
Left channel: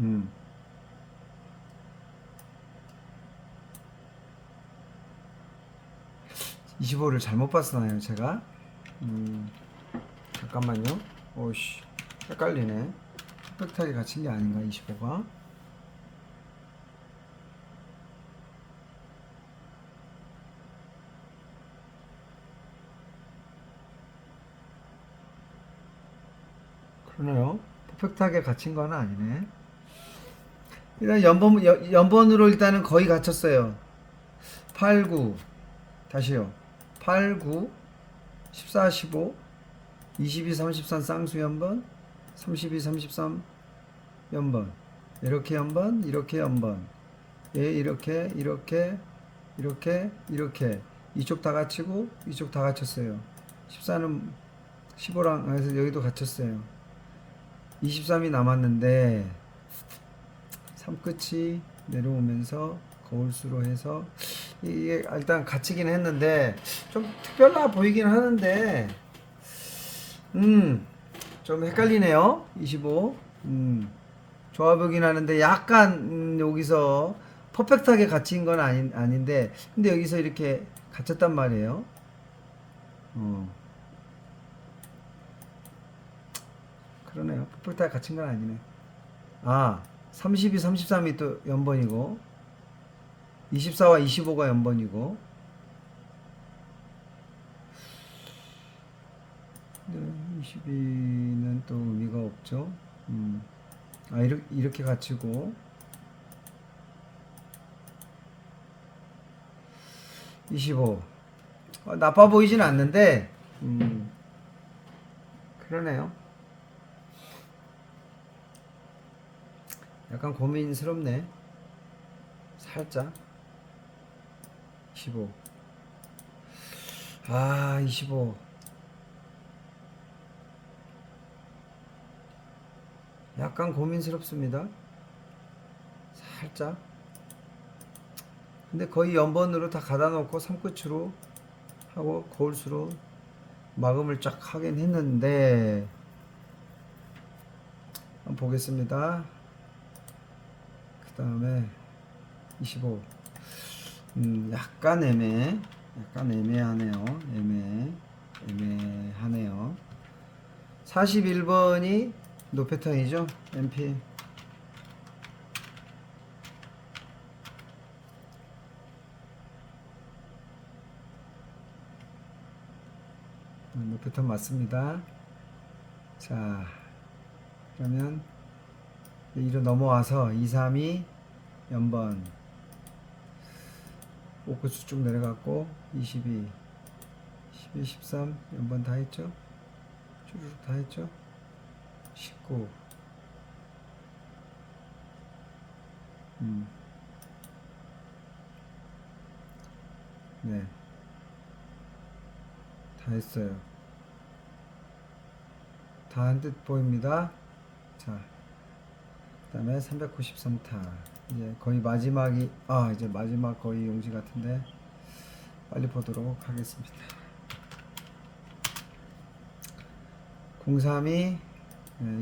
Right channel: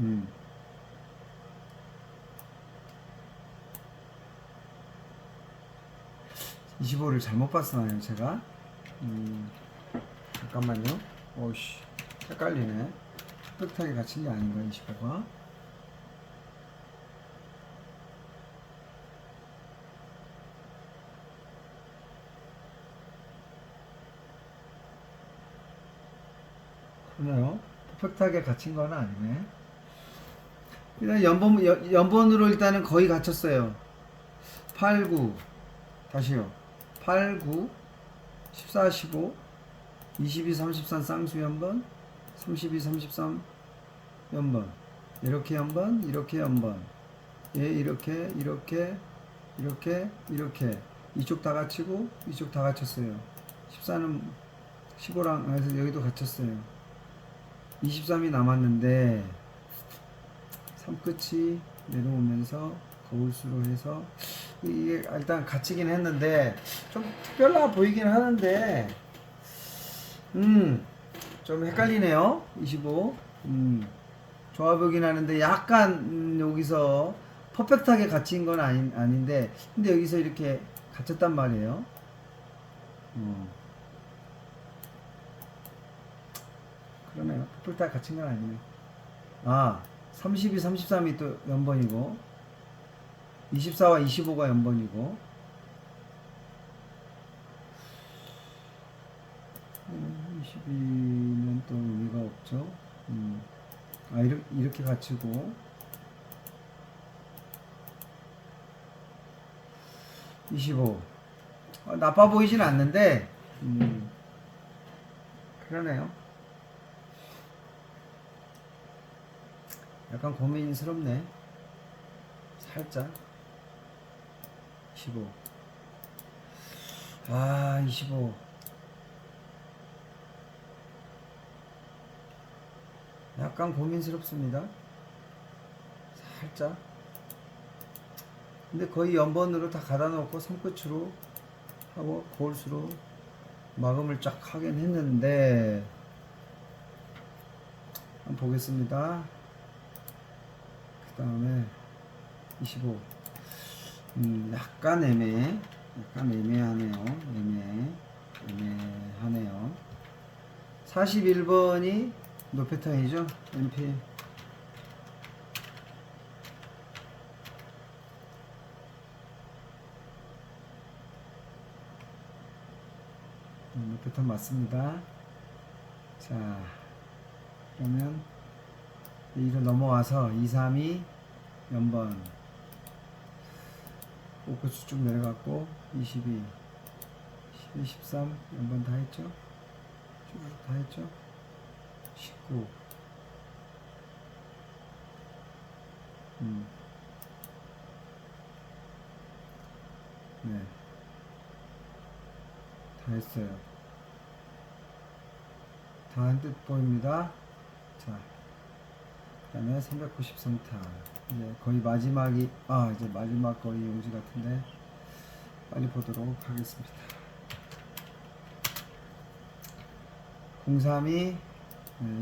음. 25를 잘못 봤나요, 제가? 잠깐만요. 오씨, 헷갈리네. 빽빽하게 갇힌 게 아닌가, 25가? 그래요. 퍼펙트하게 갇힌 건 아니네. 일단 연번으로 일단은 거의 갇혔어요. 8, 9, 다시요. 8, 9, 14, 15, 22, 33 쌍수 연번, 32, 33 연번, 이렇게 연번, 이렇게 연번, 예, 이렇게, 이렇게, 이렇게, 이렇게. 이쪽 다 갇히고, 이쪽 다 갇혔어요. 14는 15랑, 그래서 여기도 갇혔어요. 23이 남았는데, 3끝이 내려오면서 거울수로 해서, 이게 일단 갇히긴 했는데, 좀 특별나 보이긴 하는데, 좀 헷갈리네요. 25. 좋아 보긴 하는데, 약간, 여기서 퍼펙트하게 갇힌 건 아닌데, 근데 여기서 이렇게 갇혔단 말이에요. 어, 그러네요. 퍼펙트하게 갇힌 건 아니네. 아, 32, 33이 또 연번이고, 24와 25가 연번이고, 22는 또 의미가 없죠. 아, 이렇게 갇히고, 25. 나빠 보이진 않는데, 그러네요. 약간 고민스럽네. 살짝. 25. 아, 25. 약간 고민스럽습니다. 살짝. 근데 거의 연번으로 다 가다 놓고 3끝으로 하고 거울수로 마감을 쫙 하긴 했는데, 한번 보겠습니다. 그 다음에 25. 약간 애매하네요. 애매하네요. 41번이 노 패턴이죠. MP. 노 패턴 맞습니다. 자, 그러면 이로 넘어와서 2, 3이 연번 5끝수 쭉 내려갔고 22, 12, 13 연번 다 했죠. 쭈르륵 다 했죠. 19. 네, 다 했어요. 다 한 듯 보입니다. 자, 그 다음에 393타. 이제 거의 이제 마지막 거의 용지 같은데, 빨리 보도록 하겠습니다. 03이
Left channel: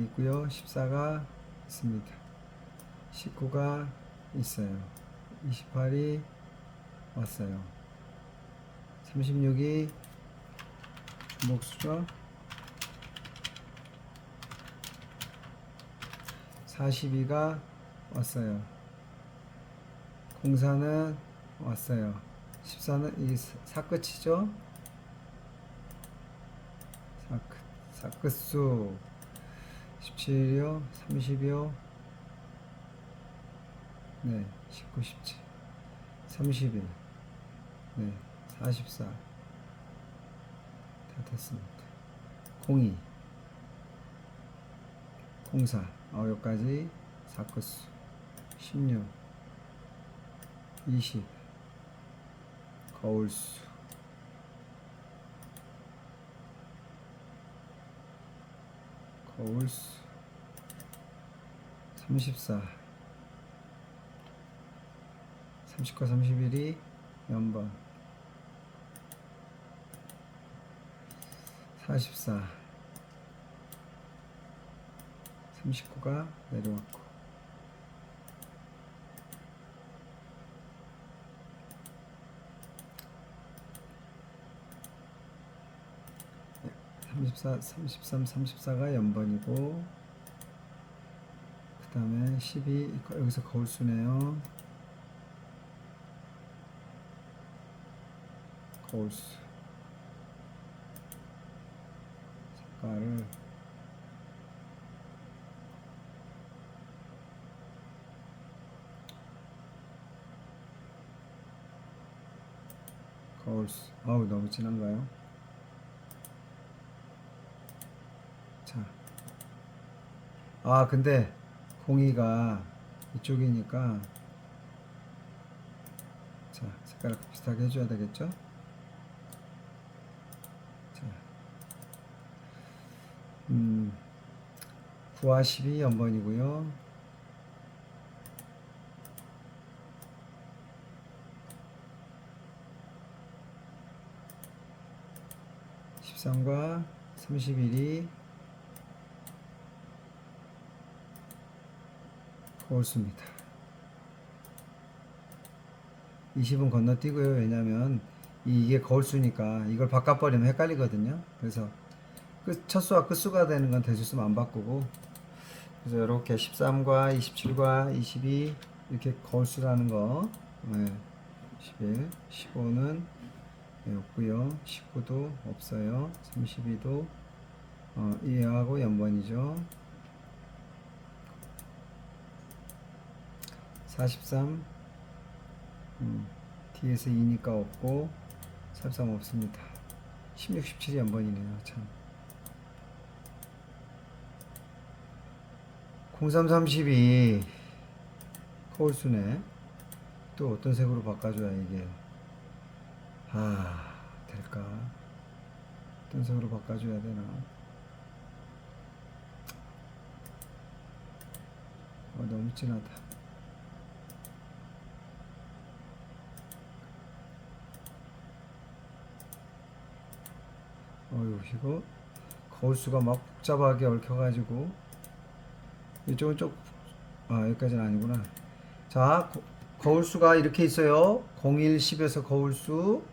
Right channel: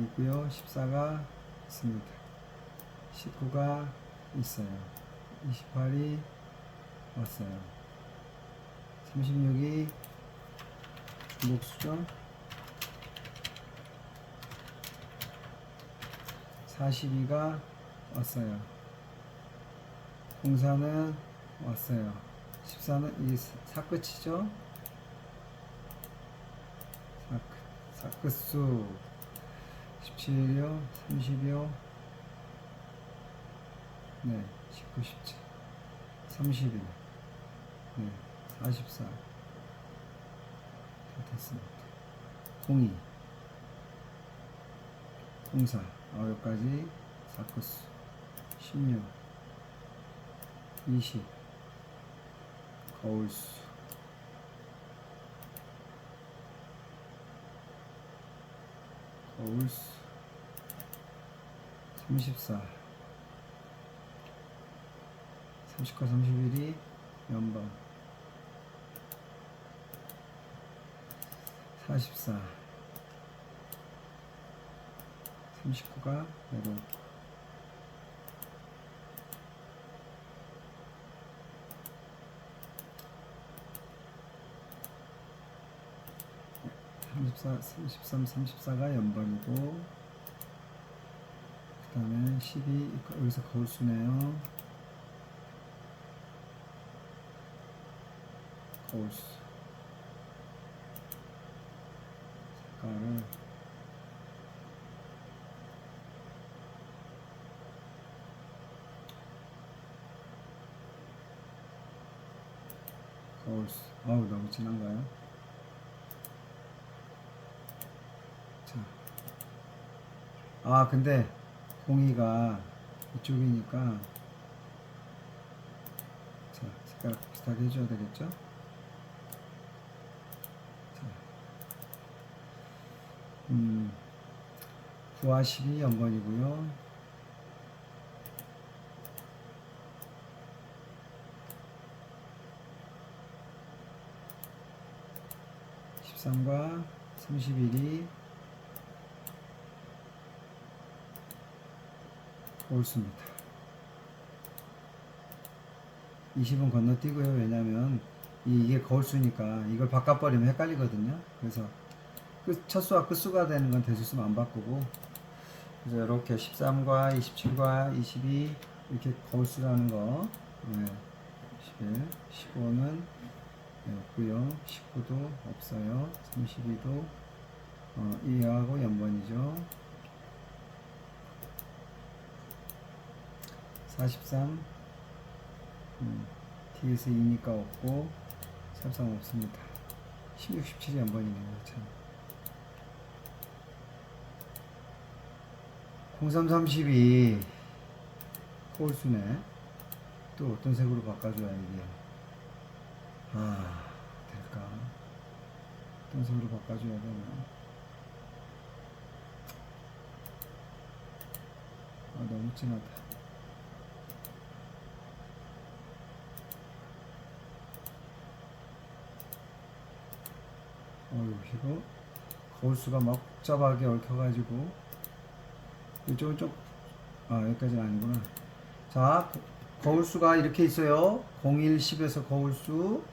있고요. 14가 있습니다. 19가 있어요. 28이 왔어요. 36이 중복수죠. 42가 왔어요. 04는 왔어요. 14는 이 사끝이죠. 사끝수 17이요. 30이요. 네, 19, 17, 31, 네, 44. 다 됐습니다. 02, 04, 여기까지 4끝수 16, 20, 거울수, 거울수 34, 39, 31이 연번 44, 39가 내려오고 34, 33, 34가 연번이고, 그 다음에 12 여기서 거울수네요. 거울수 색깔을 거울수. 어우, 너무 진한가요? 자. 아, 근데 공이가 이쪽이니까 자, 색깔 비슷하게 해줘야 되겠죠? 자, 9와 12 연번이고요. 13과 31이 거울수입니다. 20은 건너뛰고요. 왜냐면 이게 거울수니까 이걸 바꿔버리면 헷갈리거든요. 그래서 첫수와 끝수가 되는 건 대수수만 안 바꾸고, 그래서 이렇게 13과 27과 22 이렇게 거울수라는 거, 네, 11, 15는 없고요. 19도 없어요. 32도 이하고 연번이죠. 43 뒤에서 2니까 없고 33 없습니다. 16, 17이 연번이네요. 참. 03, 32 거울수네. 또 어떤 색으로 바꿔줘야 이게 될까? 어떤 색으로 바꿔줘야 되나? 너무 진하다. 어휴, 이거 거울수가 막 복잡하게 얽혀가지고 이쪽은 좀 여기까지는 아니구나. 자, 거울수가 이렇게 있어요. 01, 10에서 거울수,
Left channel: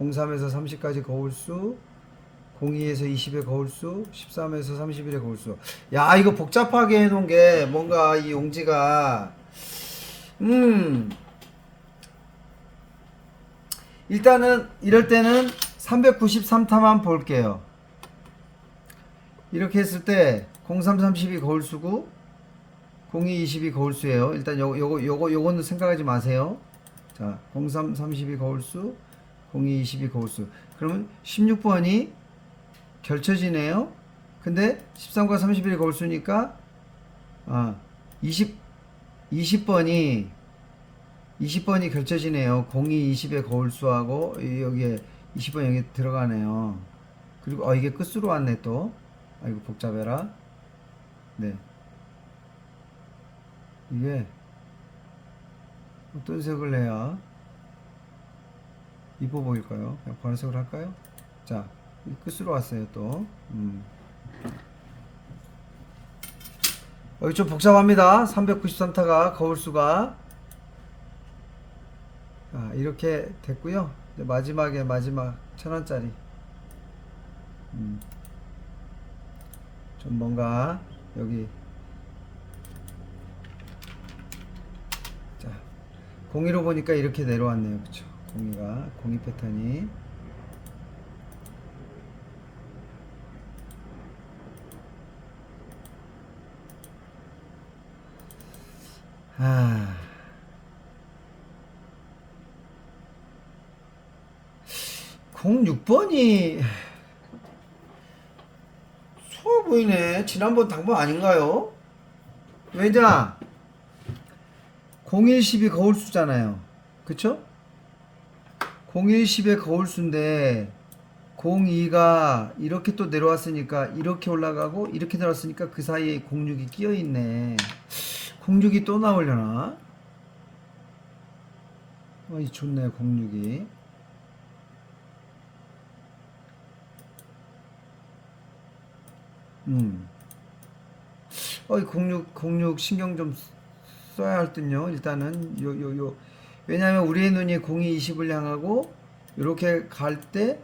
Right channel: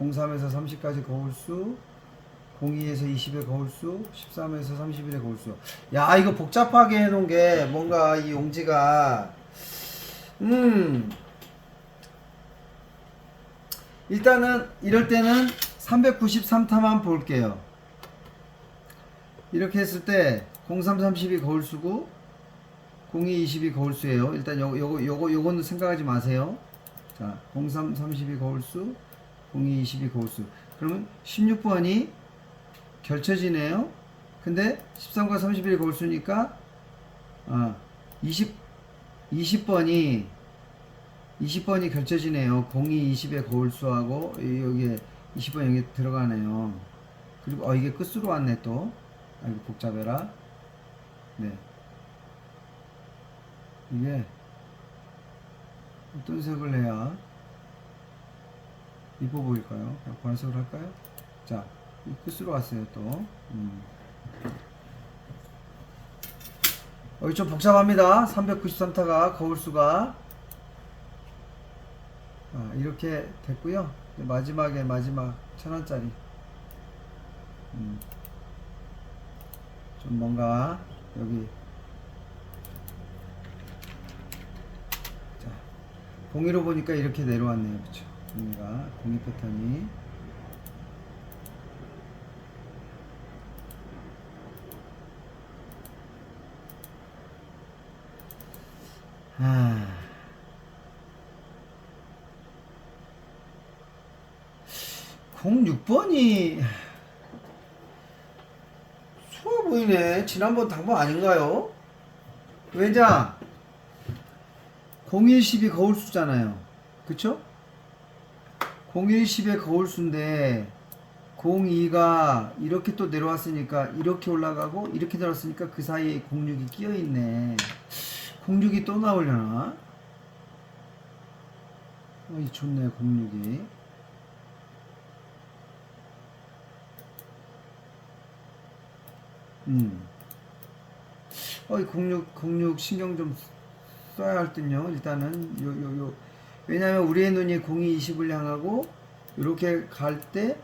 03에서 30까지 거울수, 02에서 20의 거울수, 13에서 31의 거울수. 야, 이거 복잡하게 해놓은 게 뭔가 이 용지가 일단은 이럴 때는 393타만 볼게요. 이렇게 했을 때 03, 32 거울수고 02, 20이 거울수예요. 일단 요거는 생각하지 마세요. 자, 03, 32 거울수, 02, 20이 거울수. 그러면 16번이 결쳐지네요. 근데 13과 31이 거울수니까 20번이 결쳐지네요. 02, 20의 거울수하고 여기에 20번 여기 들어가네요. 그리고 이게 끝으로 왔네 또. 이거 복잡해라. 네. 이게 어떤 색을 해야 이뻐 보일까요? 그냥 보라색으로 할까요? 자, 끝으로 왔어요 또. 여기 좀 복잡합니다. 393타가 거울수가 이렇게 됐고요. 마지막 1000원짜리 좀 뭔가 여기 자, 공이로 보니까 이렇게 내려왔네요. 그쵸? 공이 패턴이 아 06번이 수아 보이네. 지난번 당번 아닌가요? 왜냐 01, 10이 거울수잖아요. 그쵸? 01, 10의 거울수인데 02가 이렇게 또 내려왔으니까 이렇게 올라가고 이렇게 내려왔으니까 그 사이에 06이 끼어있네. 06이 또 나오려나? 좋네 06이. 이 06 신경 좀 써야 할 듯요. 일단은 왜냐면 우리의 눈이 02, 20을 향하고 이렇게 갈 때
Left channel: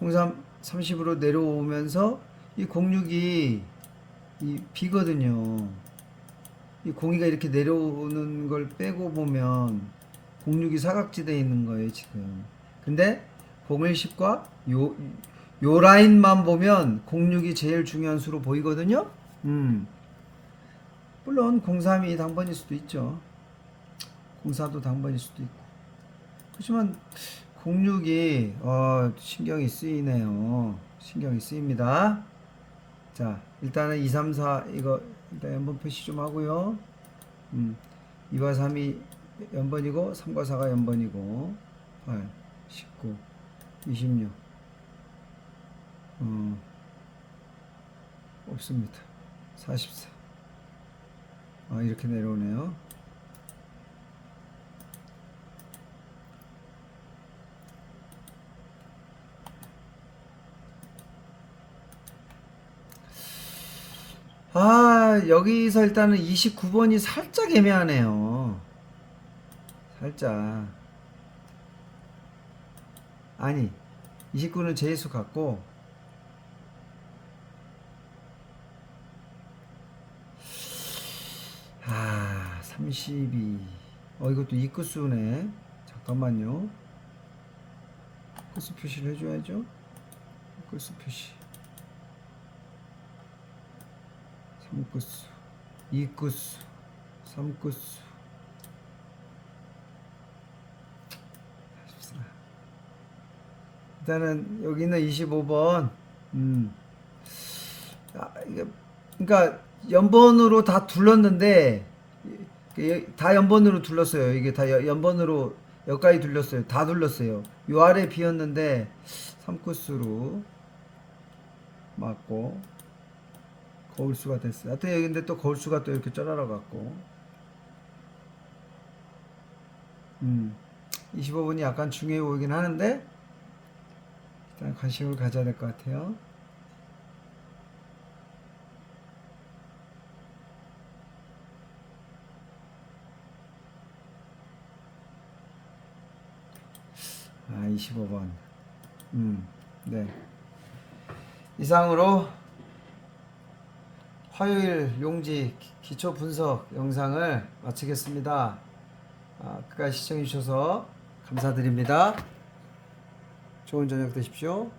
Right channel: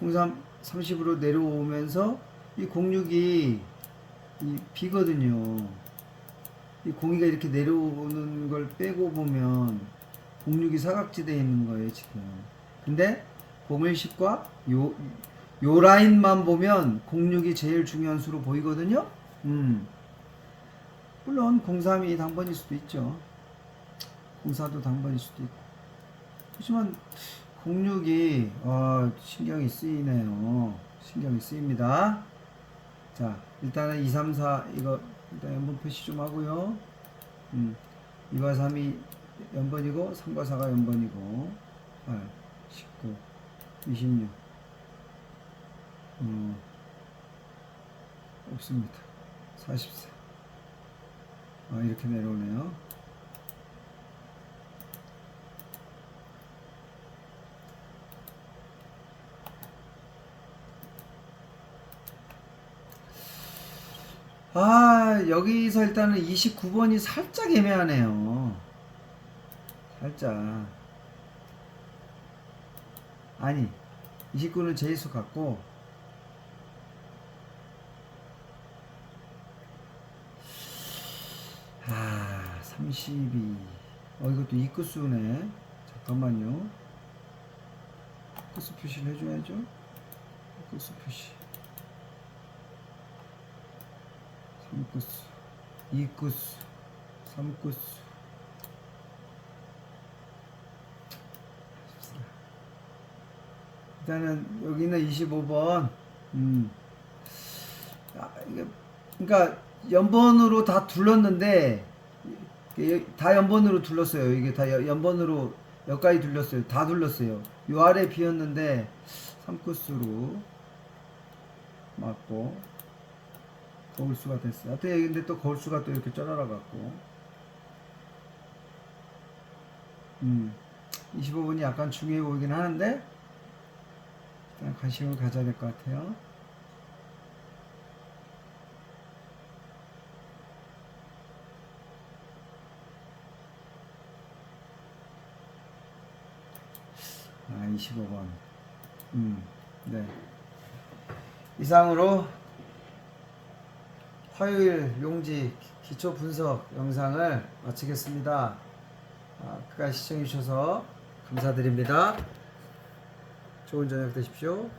03, 30으로 내려오면서 이 06이 이 비거든요. 이 02가 이렇게 내려오는 걸 빼고 보면 06이 사각지대에 있는 거예요 지금. 근데 01, 10과 요 라인만 보면 06이 제일 중요한 수로 보이거든요. 물론 03이 당번일 수도 있죠. 04도 당번일 수도 있고. 그렇지만 06이 신경이 쓰이네요. 신경이 쓰입니다. 자, 일단은 2, 3, 4 이거 일단 연번 표시 좀 하고요. 2과 3이 연번이고 3과 4가 연번이고 8, 19, 26 없습니다. 44 이렇게 내려오네요. 여기서 일단은 29번이 살짝 애매하네요. 살짝. 아니, 29는 제수 같고, 32. 이것도 이끝수네. 잠깐만요. 끝수 표시를 해줘야죠. 끝수 표시. 3끝수, 2끝수, 3끝수. 일단은 여기 있는 25번. 이게 그러니까 연번으로 다 둘렀는데 다 연번으로 둘렀어요. 이게 다 연번으로 여기까지 둘렀어요. 다 둘렀어요. 요 아래 비었는데 3코스로 맞고 거울수가 됐어요. 하여튼 근데 또 거울수가 또 이렇게 쩔어라 갖고 25번이 약간 중요해 보이긴 하는데 일단 관심을 가져야 될 것 같아요. 아, 25번. 네. 이상으로 화요일 용지 기초 분석 영상을 마치겠습니다. 끝까지 시청해 주셔서 감사드립니다. 좋은 저녁 되십시오.